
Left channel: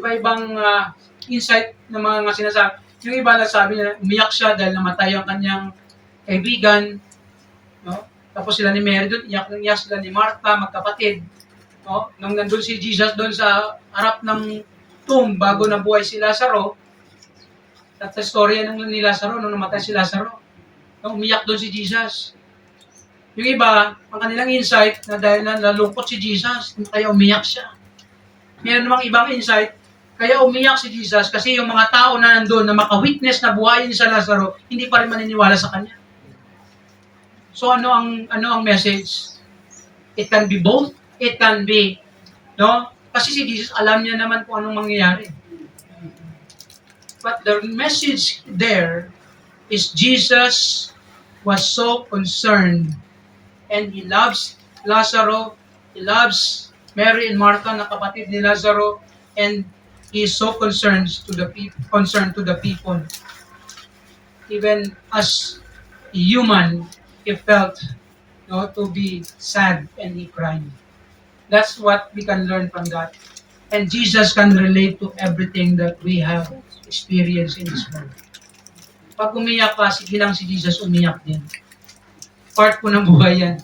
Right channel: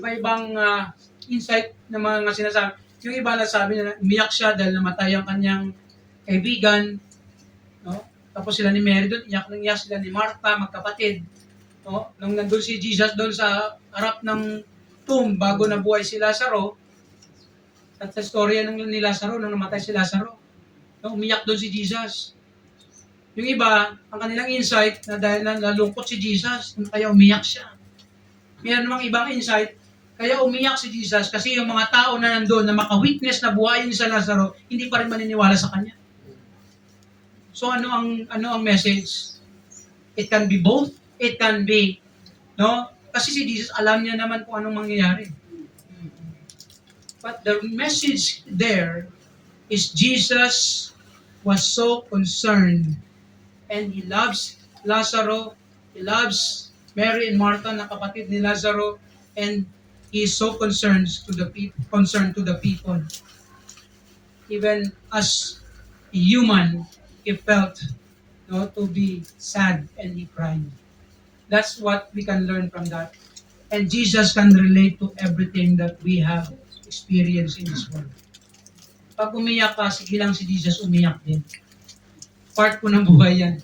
iba-ibang insight na mga sinasabi. Yung iba na sabi na umiyak siya dahil namatay ang kanyang kaibigan. Tapos sila ni Mary doon, iyak sila ni Martha, magkapatid. Nung nandun si Jesus doon sa harap ng tomb bago nabuhay si Lazaro, at sa storya ni Lazaro, nung namatay si Lazaro, umiyak doon si Jesus. Yung iba, ang kanilang insight, na dahil nalungkot si Jesus, kaya umiyak siya. Meron namang ibang insight, kaya umiyak si Jesus kasi yung mga tao na nandun na maka-witness na buhayin sa Lazaro, hindi pa rin maniniwala sa kanya. So ano ang message? It can be both. It can be, kasi si Jesus alam niya naman kung anong mangyayari. But the message there is Jesus was so concerned and he loves Lazaro, he loves Mary and Martha na kapatid ni Lazaro, and he is so concerned to the people. Even as a human, he felt to be sad and he cried. That's what we can learn from that. And Jesus can relate to everything that we have experience in this world. Pag umiyak ka, sige lang si Jesus umiyak din. Part po ng buhay yan.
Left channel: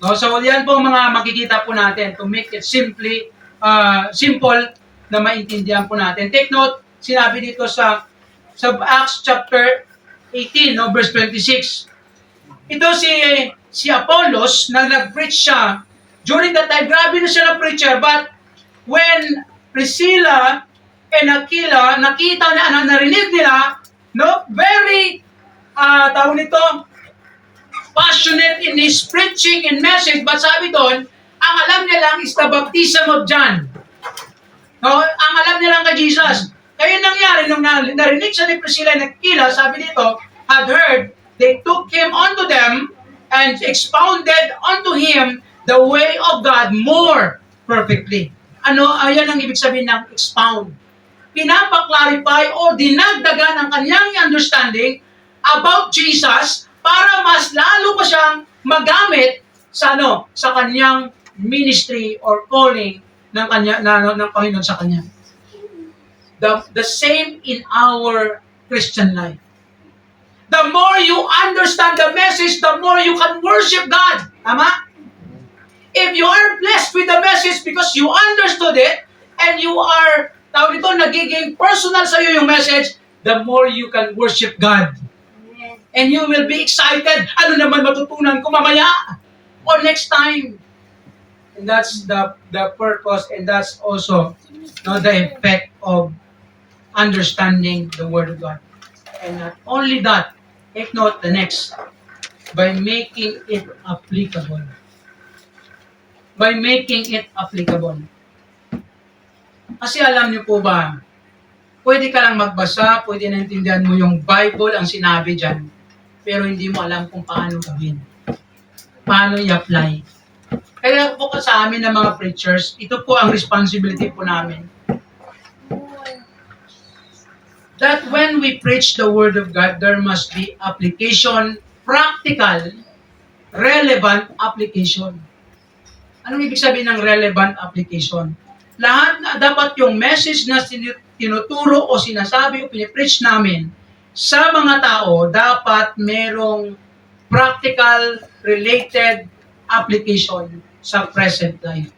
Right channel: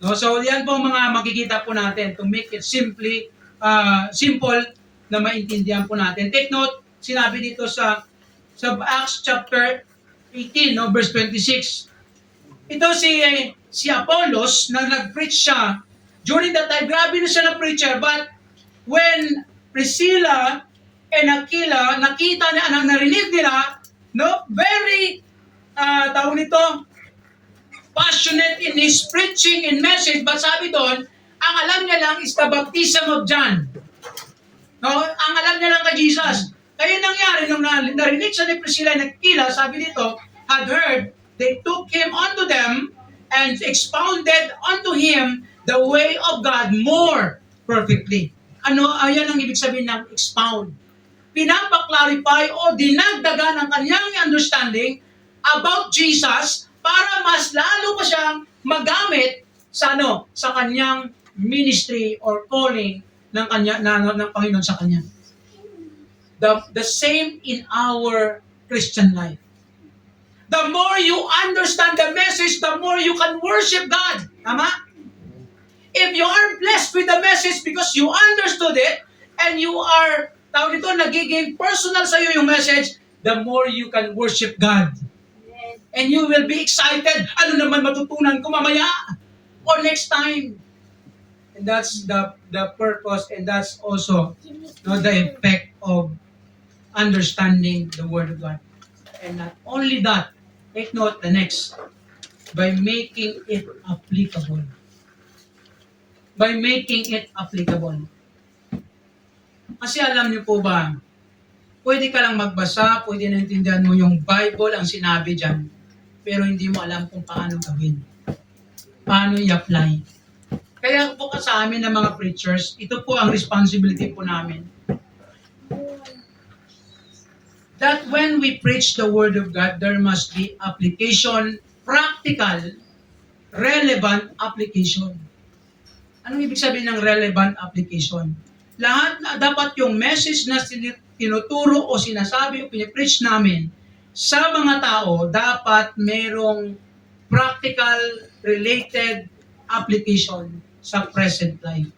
No? So, yan po mga makikita po natin to make it simple na maintindihan po natin. Take note, sinabi dito sa Acts chapter 18, no, verse 26. Ito si Apollos na nag-preach siya during that time. Grabe na siya na preacher, but when Priscilla and Aquila nakita na narinig nila, no, very tawag nito, passionate in his preaching and message, but sabi doon, ang alam niya lang is the baptism of John. No? Ang alam niya lang kay Jesus. Kaya nangyari, nung narinig siya ni Priscilla and Aquila, sabi dito, had heard, they took him unto them and expounded unto him the way of God more perfectly. Ayan ang ibig sabihin ng expound. Pinapaklarify o dinagdagan ang kanyang understanding about Jesus para mas lalo pa siyang magamit sa kanyang ministry or calling ng Panginoon sa kanya. The same in our Christian life. The more you understand the message, the more you can worship God. Tama? If you are blessed with the message because you understood it and you are, nagiging personal sa iyo yung message, the more you can worship God. And you will be excited. Ano naman matutunan ko mamaya? Or next time? And that's the purpose, and that's also the effect of understanding the Word of God. And not only that, take note the next, by making it applicable. By making it applicable. Kasi alam niyo po ba, pwede ka lang magbasa, pwede naintindihan mo yung Bible ang sinabi dyan, pero hindi mo alam kung paano gawin. Paano i-apply. Kaya po sa amin ng mga preachers, ito po ang responsibility po namin. That when we preach the Word of God, there must be application, practical, relevant application. Anong ibig sabihin ng relevant application? Lahat na dapat yung message na tinuturo o sinasabi o pinipreach namin sa mga tao, dapat merong practical, related application sa present life.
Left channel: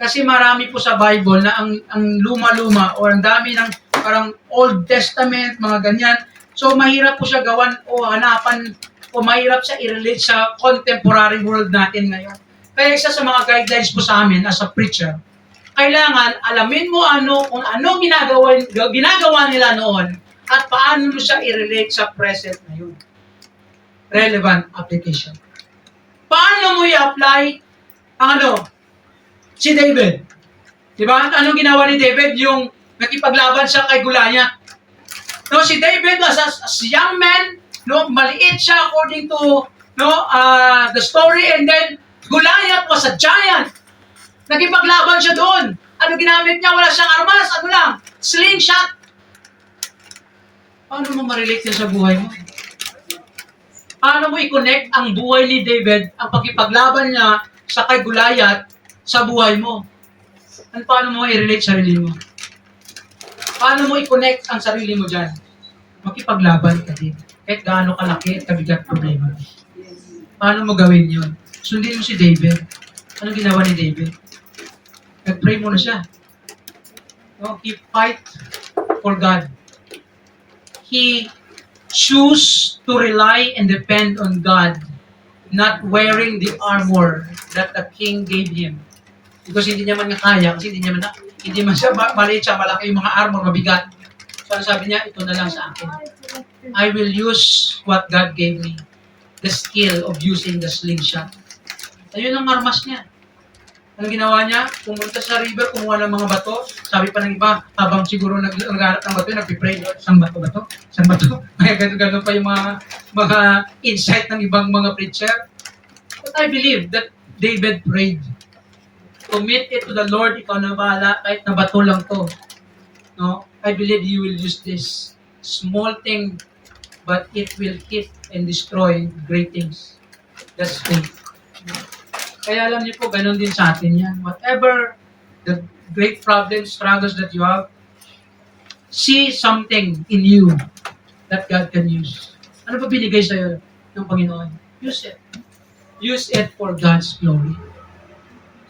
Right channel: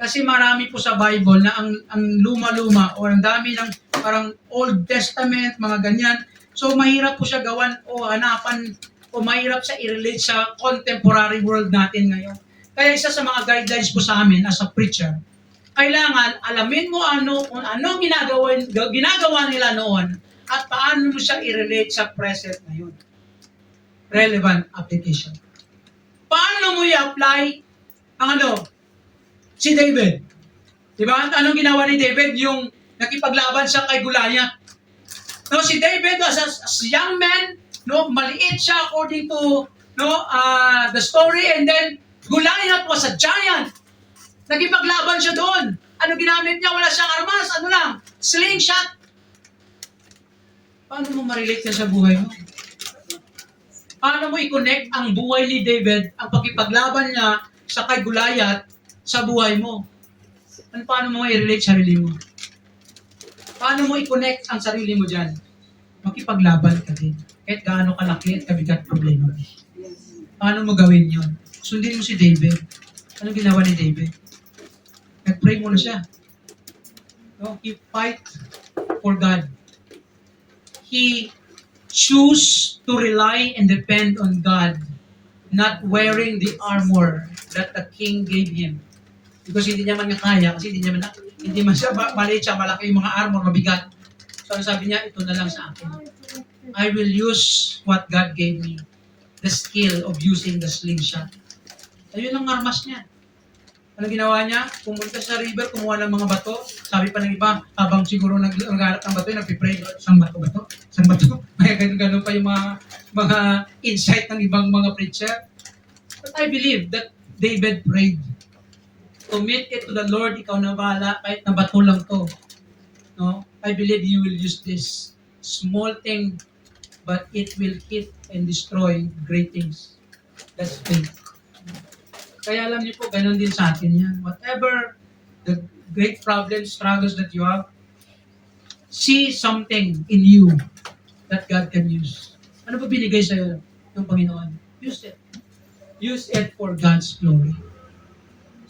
Kasi marami po sa Bible na ang luma-luma o ang dami ng parang Old Testament, mga ganyan. So mahirap po siya gawan o hanapan o mahirap siya i-relate sa contemporary world natin ngayon. Kaya isa sa mga guidelines po sa amin as a preacher, kailangan alamin mo kung ano ginagawa nila noon at paano mo siya i-relate sa present ngayon. Relevant application. Paano mo i-apply ang si David? Diba? Anong ginawa ni David? Yung nakipaglaban siya kay Goliath. No, si David as young man, maliit siya according to the story, and then Goliath was a giant. Nakipaglaban siya doon. Ano ginamit niya? Wala siyang armas. Ano lang? Slingshot. Paano mo ma-relate yan sa buhay mo? Paano mo i-connect ang buhay ni David, ang pakipaglaban niya sa kay Goliath sa buhay mo? Paano mo i-relate sarili mo? Paano mo i-connect ang sarili mo dyan? Makipaglaban ka din. Kahit gaano kalaki at kabigat problema. Paano mo gawin yun? Sundin mo si David. Ano ginawa ni David? Nag-pray muna siya. He fight for God. He choose to rely and depend on God, not wearing the armor that the king gave him. Because hindi niya man kaya, kasi hindi man siya maliit siya, malaki yung mga armor, mabigat. So sabi niya, ito na lang sa akin. I will use what God gave me. The skill of using the slingshot. Ayun ang armas niya. Anong ginawa niya? Pumunta sa river, kumuha ng mga bato. Sabi pa ng iba, habang siguro naghanap ng bato, nagpipray, sang bato? Kaya gano'n pa yung mga insight ng ibang mga preacher. But I believe that David prayed. Commit it to the Lord, ikaw na bahala, kahit na bato lang to. No? I believe you will use this small thing, but it will hit and destroy great things. That's faith. Kaya alam niyo po, ganun din sa atin yan. Whatever the great problems, struggles that you have, see something in you that God can use. Ano ba binigay sa'yo ng Panginoon? Use it. Use it for God's glory.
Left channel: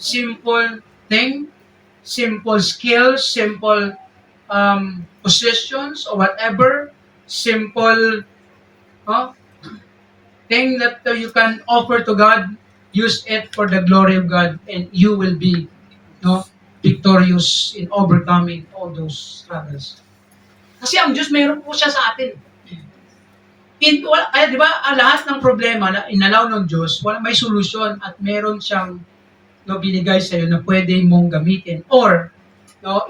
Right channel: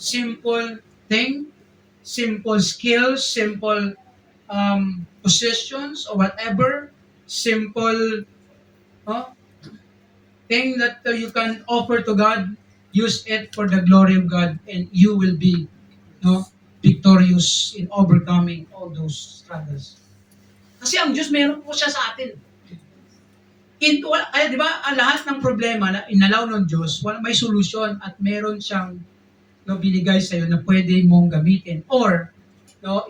Simple thing, simple skills, simple possessions or whatever, simple thing that you can offer to God, use it for the glory of God, and you will be victorious in overcoming all those struggles. Kasi ang Diyos, mayroon po siya sa atin. Kaya di ba, lahat ng problema na inalaw ng Diyos, may solusyon at meron siyang binigay sa iyo na pwede mong gamitin, or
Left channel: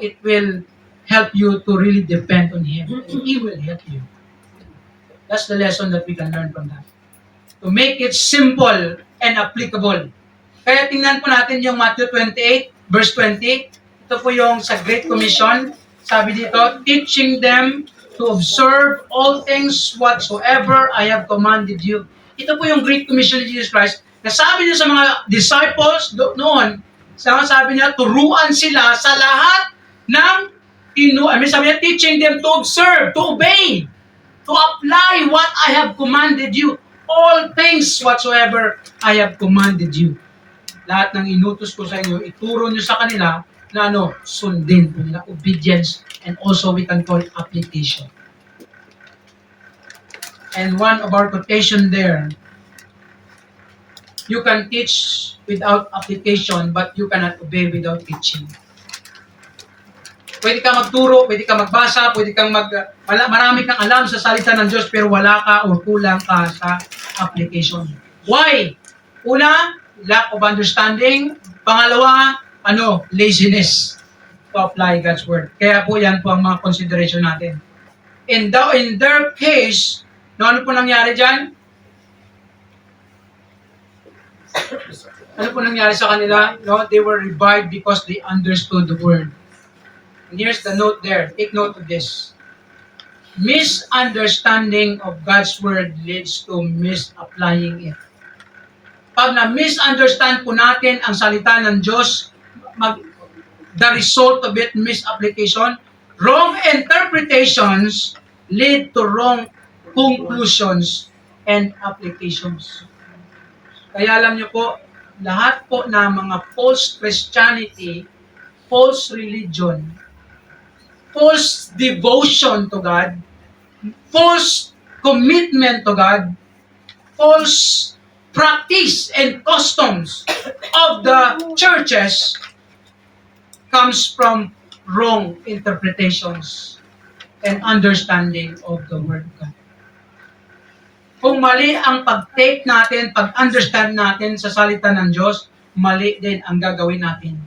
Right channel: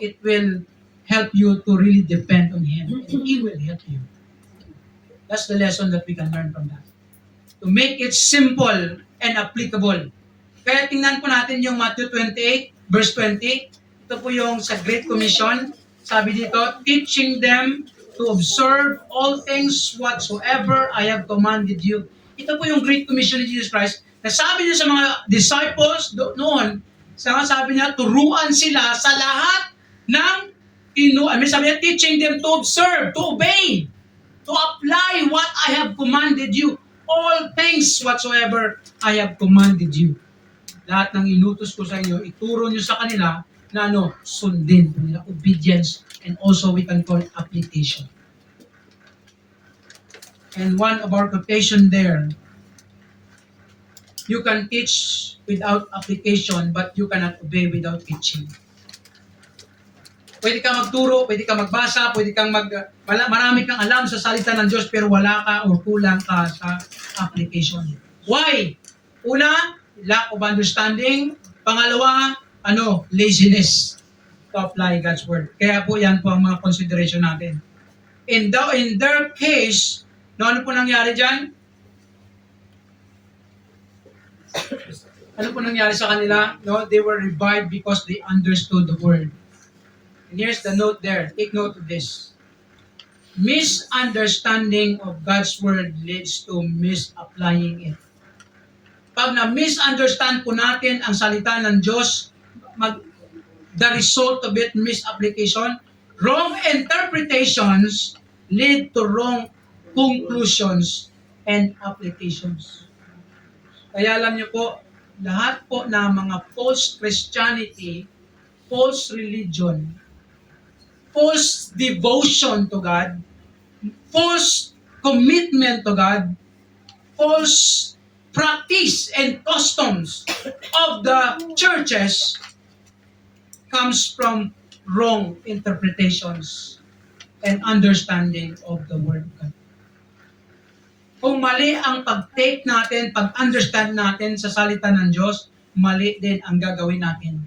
it will help you to really depend on Him, and He will help you. That's the lesson that we can learn from that. To make it simple and applicable. Kaya tingnan po natin yung Matthew 28, verse 20. Ito po yung sa Great Commission. Sabi dito, teaching them to observe all things whatsoever I have commanded you. Ito po yung Great Commission ni Jesus Christ. Nasabi niya sa mga disciples noon, sabi niya, turuan sila sa lahat ng sabi niya, teaching them to observe, to obey, to apply what I have commanded you. All things whatsoever I have commanded you. Lahat ng inutos ko sa inyo, ituro niyo sa kanila na sundin po nila, obedience, and also we can call it application. And one of our quotation there, you can teach without application, but you cannot obey without teaching. Pwede ka magturo, pwede ka magbasa, pwede kang marami kang alam sa salita ng Diyos, pero wala ka o kulang ka sa application. Why? Una, lack of understanding. Pangalawa, laziness to apply God's word. Kaya po yan po ang mga consideration natin. In their case, ano po nangyari dyan? Ano po nangyari sa kanila? They were revived because they understood the word. And here's the note there. Take note of this. Misunderstanding of God's word leads to misapplying it. Pag na-misunderstand po natin ang salita ng Diyos, the result of it, misapplication, wrong interpretations lead to wrong conclusions and applications. Kaya alam niyo po, lahat po na mga false Christianity, false religion, false devotion to God, false commitment to God, false practice and customs of the churches comes from wrong interpretations and understanding of the Word of God. Kung mali ang pag-take natin, pag-understand natin sa salita ng Diyos, mali din ang gagawin natin.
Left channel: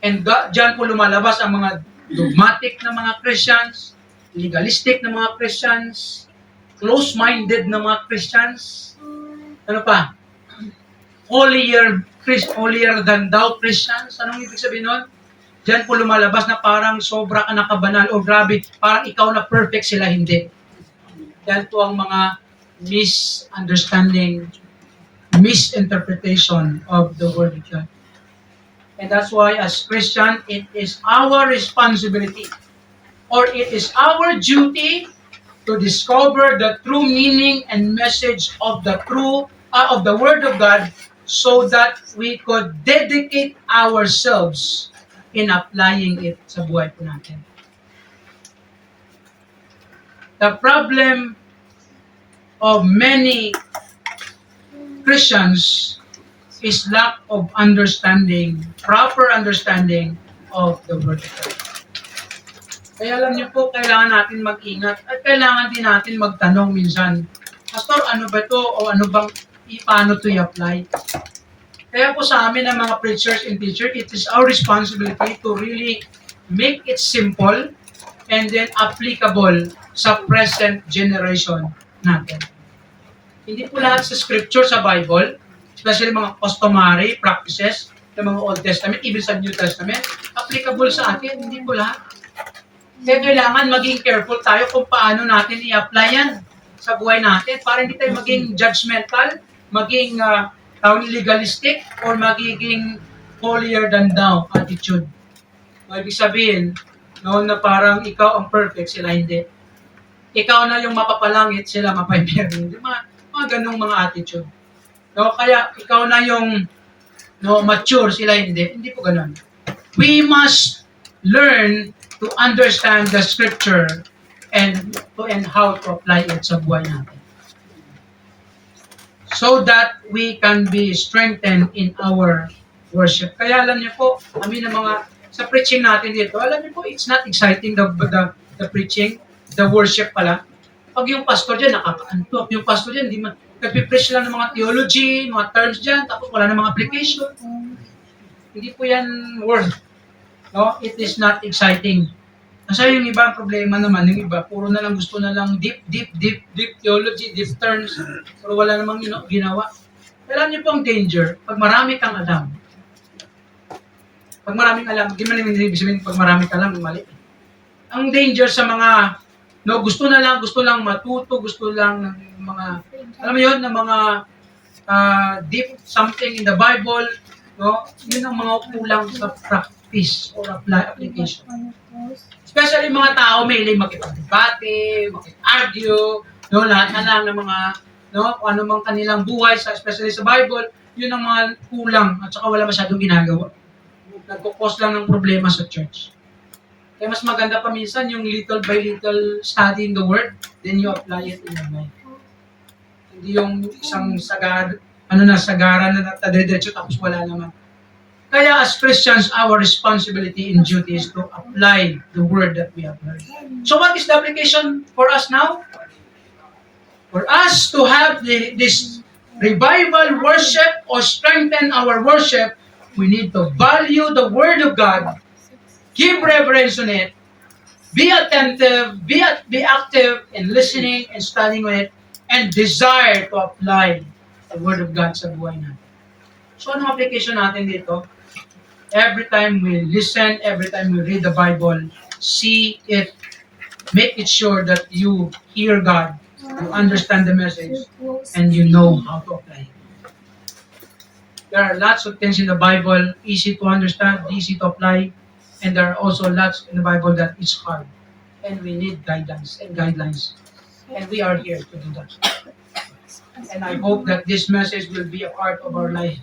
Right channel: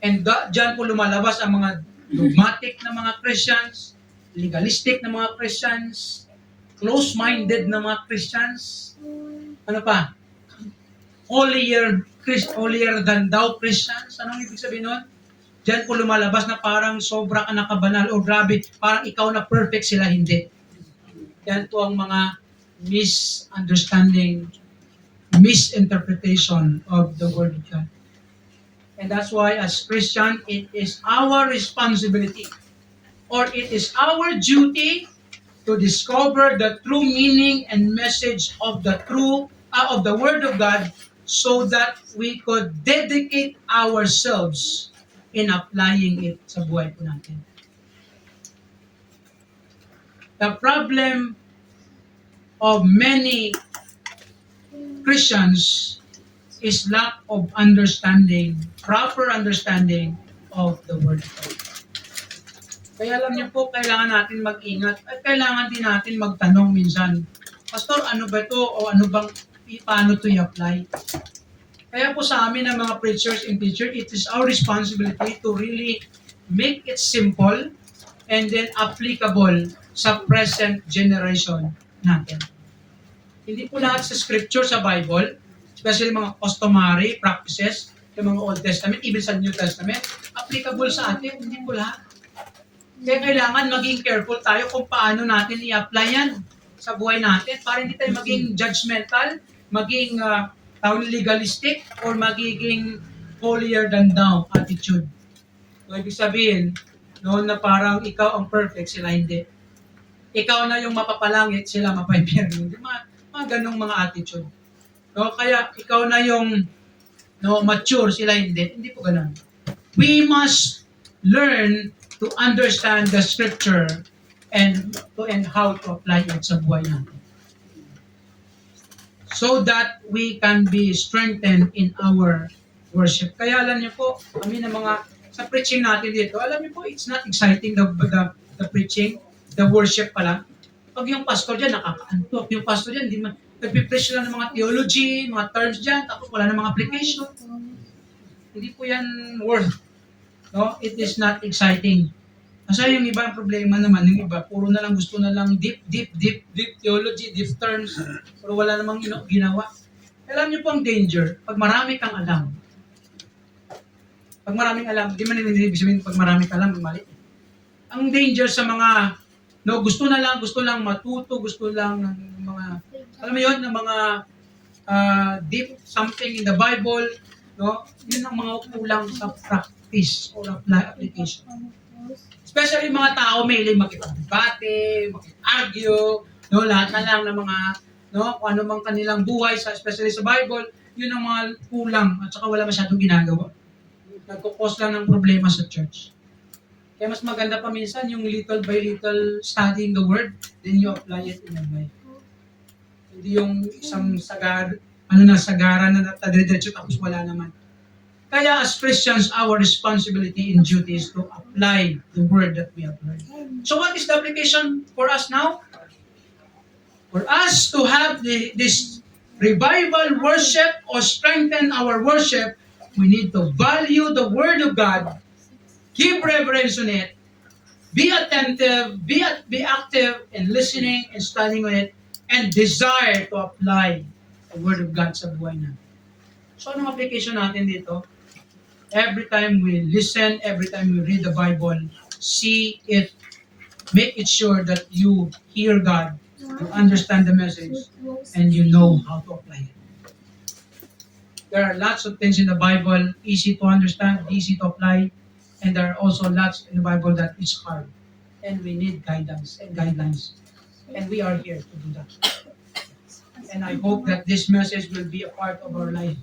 And dyan po lumalabas ang mga dogmatic na mga Christians, legalistic na mga Christians, close-minded na mga Christians, ano pa? Holier than thou Christians. Anong ibig sabihin nun? Diyan po lumalabas na parang sobra ka nakabanal o grabe, parang ikaw na perfect, sila hindi. Yan po ang mga misunderstanding, misinterpretation of the Word of God. And that's why as Christian, it is our responsibility or it is our duty to discover the true meaning and message of the Word of God so that we could dedicate ourselves in applying it sa buhay po natin. The problem of many Christians is lack of understanding, proper understanding of the Word of God. Kaya alam niyo po, kailangan natin mag-ingat at kailangan din natin magtanong minsan, Pastor, ano ba ito o paano ito i-apply? Kaya po sa amin ng mga preachers and teachers, it is our responsibility to really make it simple and then applicable sa present generation natin. Hindi po lahat sa scripture sa Bible, especially mga customary practices ng mga Old Testament, even sa New Testament, applicable sa atin. Hindi po lahat. Kaya kailangan maging careful tayo kung paano natin i-apply yan sa buhay natin para hindi tayo maging judgmental, maging legalistic, or magiging holier than thou attitude. Ibig sabihin, No, na parang ikaw ang perfect, sila hindi. Ikaw na yung mapapalangit, sila mapaimpyerno. Hindi, mga ganong mga attitude. No, kaya ikaw na yung mature, sila hindi. Hindi po ganon. We must learn to understand the scripture and how to apply it sa buhay natin. So that we can be strengthened in our worship. Kaya alam niyo po, ng mga sa preaching natin dito, alam niyo po, it's not exciting the preaching, the worship pala. Pag yung pastor dyan, nakakaantok. Yung pastor dyan, nagpipreach lang ng mga theology, mga terms dyan, tapos wala ng mga application. Hindi po yan worth. No? It is not exciting. Kasi yung iba, problema naman, yung iba, puro na lang gusto na lang deep theology, deep terms, pero wala namang ginawa. Alam niyo po ang danger, pag marami kang alam. Pag maraming alam, di man ibig sabihin pag marami kang alam, mali. Ang danger sa mga, gusto lang matuto, gusto lang ng mga, alam mo yun, ng mga deep something in the Bible, yun ang mga kulang sa practice or application. Especially mga tao, may makipag-debate, makipag-argue, lahat na lang ng mga, kung ano mang kanilang buhay, especially sa Bible, yun ang mga kulang at saka wala masyadong ginagawa. Nagkukos lang ng problema sa church. Kaya mas maganda pa minsan yung little by little studying the Word, then you apply it in your life. Hindi yung isang sagaran na tadiretso tapos wala naman. Kaya as Christians, our responsibility and duty is to apply the Word that we have learned. So what is the application for us now? For us to have this revival worship or strengthen our worship, we need to value the Word of God, give reverence on it, be attentive, be active in listening and studying on it, and desire to apply the Word of God sa buhay natin. So anong application natin dito? Every time we listen, every time we read the Bible, see it, make it sure that you hear God, you understand the message, and you know how to apply it. There are lots of things in the Bible, easy to understand, easy to apply, and there are also lots in the Bible that is hard. And we need guidance and guidelines. And we are here to do that. And I hope that this message will be a part of our life.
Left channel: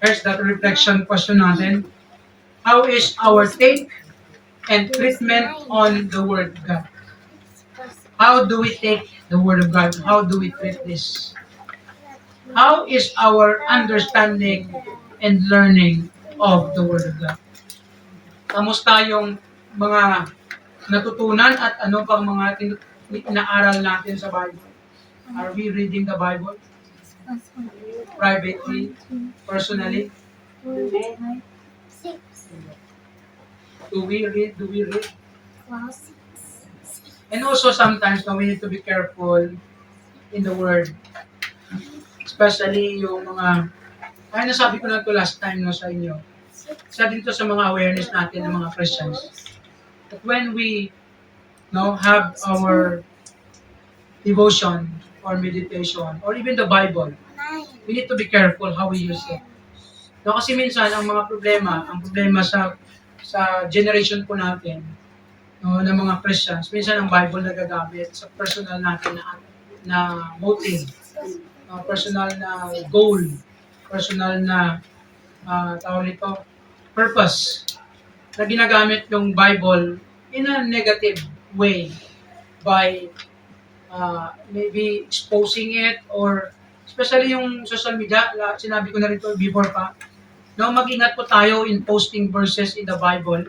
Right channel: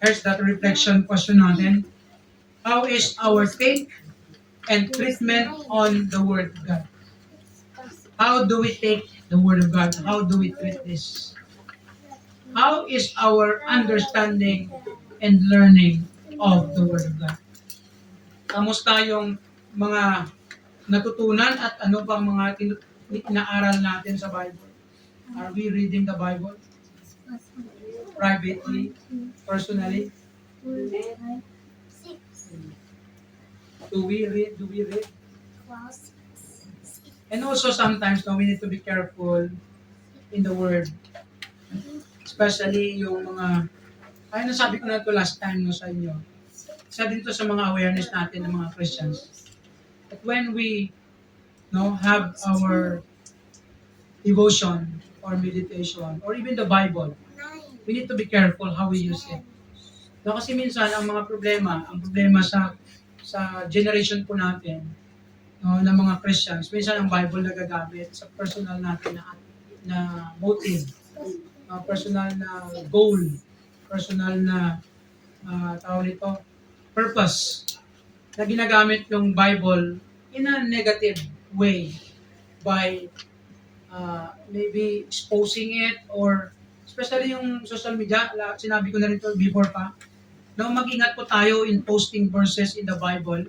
Here's that reflection question natin. How is our take and treatment on the Word of God? How do we take the Word of God? How do we treat this? How is our understanding and learning of the Word of God? Kamusta yung mga natutunan at ano pang mga inaaral natin sa Bible? Are we reading the Bible? Privately? Personally? Do we read? And also sometimes we need to be careful in the Word. Especially yung mga, ay nasabi ko na ito last time sa inyo. Isa dito sa mga awareness natin ng mga Christians. That when we have our devotion or meditation or even the Bible, we need to be careful how we use it. Kasi minsan ang problema sa generation po natin ng mga Christians, minsan ang Bible nagagamit sa personal natin na motive, personal na goal, personal na purpose, na ginagamit yung Bible in a negative way by maybe exposing it or especially yung social media, sinabi ko na rin ito before pa, mag-ingat po tayo in posting verses in the Bible.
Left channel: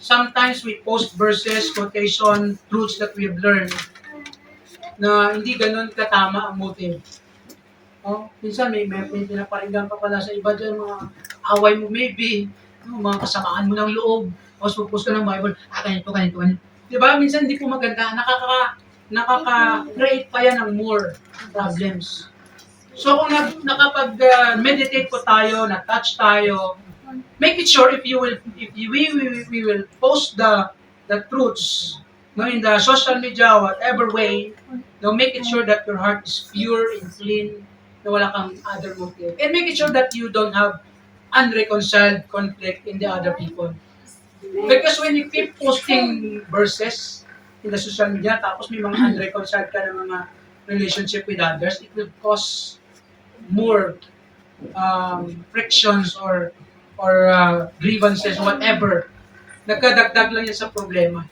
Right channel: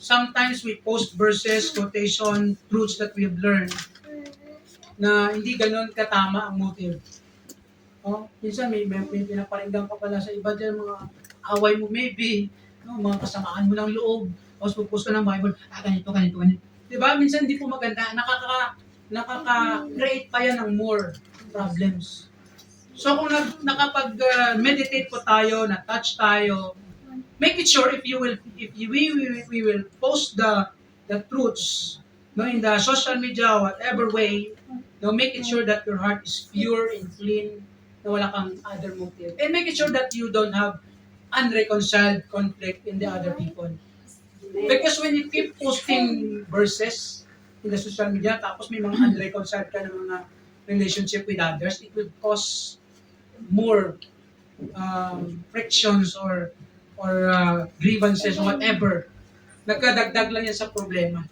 Sometimes we post verses, quotation, truths that we have learned na hindi ganun katama ang motive. Minsan may pinaparinggan ka pala sa iba dyan, mga away mo maybe, mga kasamaan mo ng loob, tapos post ka ng Bible, ganito. Diba? Minsan hindi po maganda, nakaka-create pa yan ng more problems. So kung nakapag-meditate po tayo, na-touch tayo, make it sure if we will post the truths in the social media, whatever way, make it sure that your heart is pure and clean, na wala kang other motive. And make it sure that you don't have unreconciled conflict in the other people. Because when you keep posting verses in the social media, tapos may mga unreconciled ka ng mga relationship with others, it will cause more frictions or grievances, whatever. Nagkadagdag lang yan sa problema.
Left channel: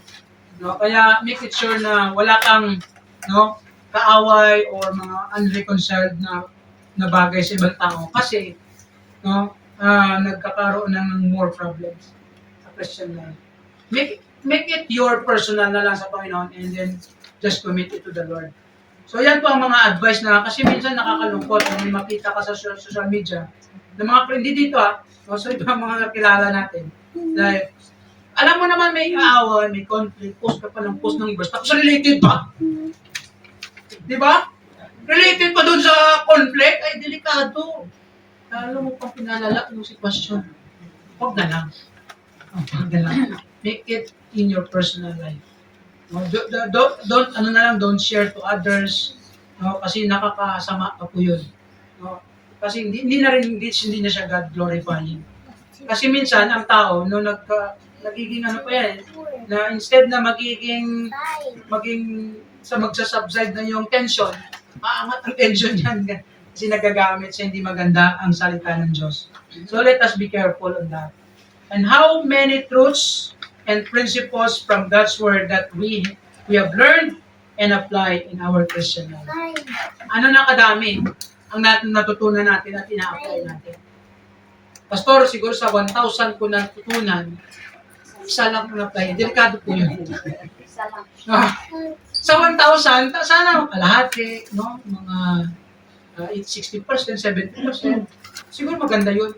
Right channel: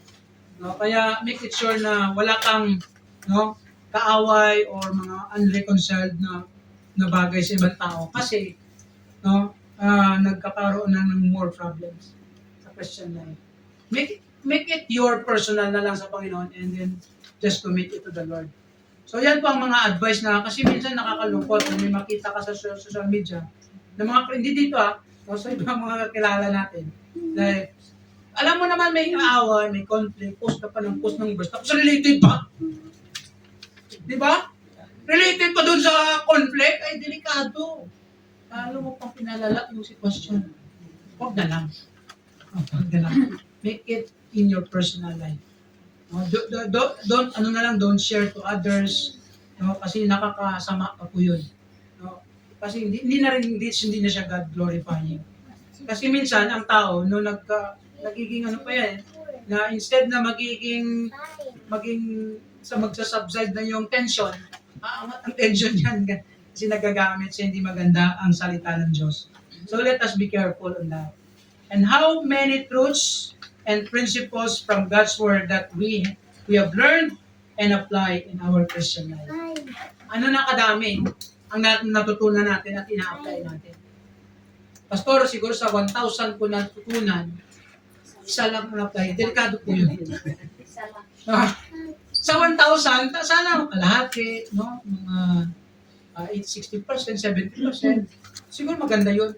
No? Kaya make it sure na wala kang kaaway or mga unreconciled na bagay sa ibang tao kasi nagkakaroon ng more problems sa Christian life. Make it your personal na lang sa Panginoon and then just commit it to the Lord. So yan po ang mga advice na kasi minsan nakakalungkot na may makita ka sa social media na mga hindi dito so ito ang mga kilala natin. Like, alam mo naman may aaway, may conflict, post ka pa ng post ng verse, tapos related pa. Di ba? Related pa doon sa conflict, ay delikado. Alam mo pang pinalala yung sitwasyon. Huwag na lang. Huwag na lang. Make it in your personal life. No, don't share to others, kasi nakakasama pa po yun. No? Kasi hindi na siya God glorifying. Kasi minsan ang tao nagiging pa yan, na instead na maging sa magsasubside na yung tension, aangat ang tension yan kasi nagagamit sa hindi maganda ang salita ng Diyos. So let us be careful on that. And how many truths and principles from God's Word that we have learned and applied in our Christian life. Ano na kadami ang natutunan natin at ina-apply natin. Pastor, siguro sa 1,000 ko natutunan, isa lang ang apply. Delikado po yun. Sa 1,000, sana kalahati, mga 60%, 70%. Siguro maganda yun.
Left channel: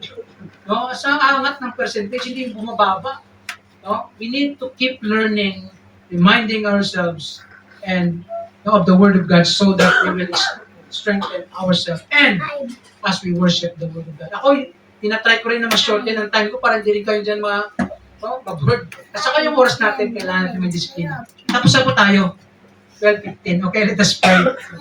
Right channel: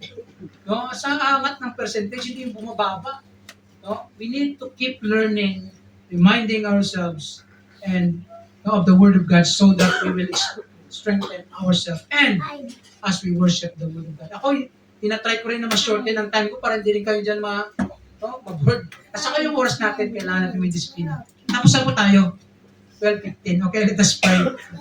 Sa angat ng percentage, hindi bumababa. We need to keep learning, reminding ourselves and of the Word of God so that we will strengthen ourselves and as we worship the Word of God. Ako, tinatry ko rin na mas-shorten ang time ko para hindi rin kayo dyan mag-board. At saka yung oras natin, kailangan natin may disiplina. Tapos na po tayo. 12:15. Okay, let us pray.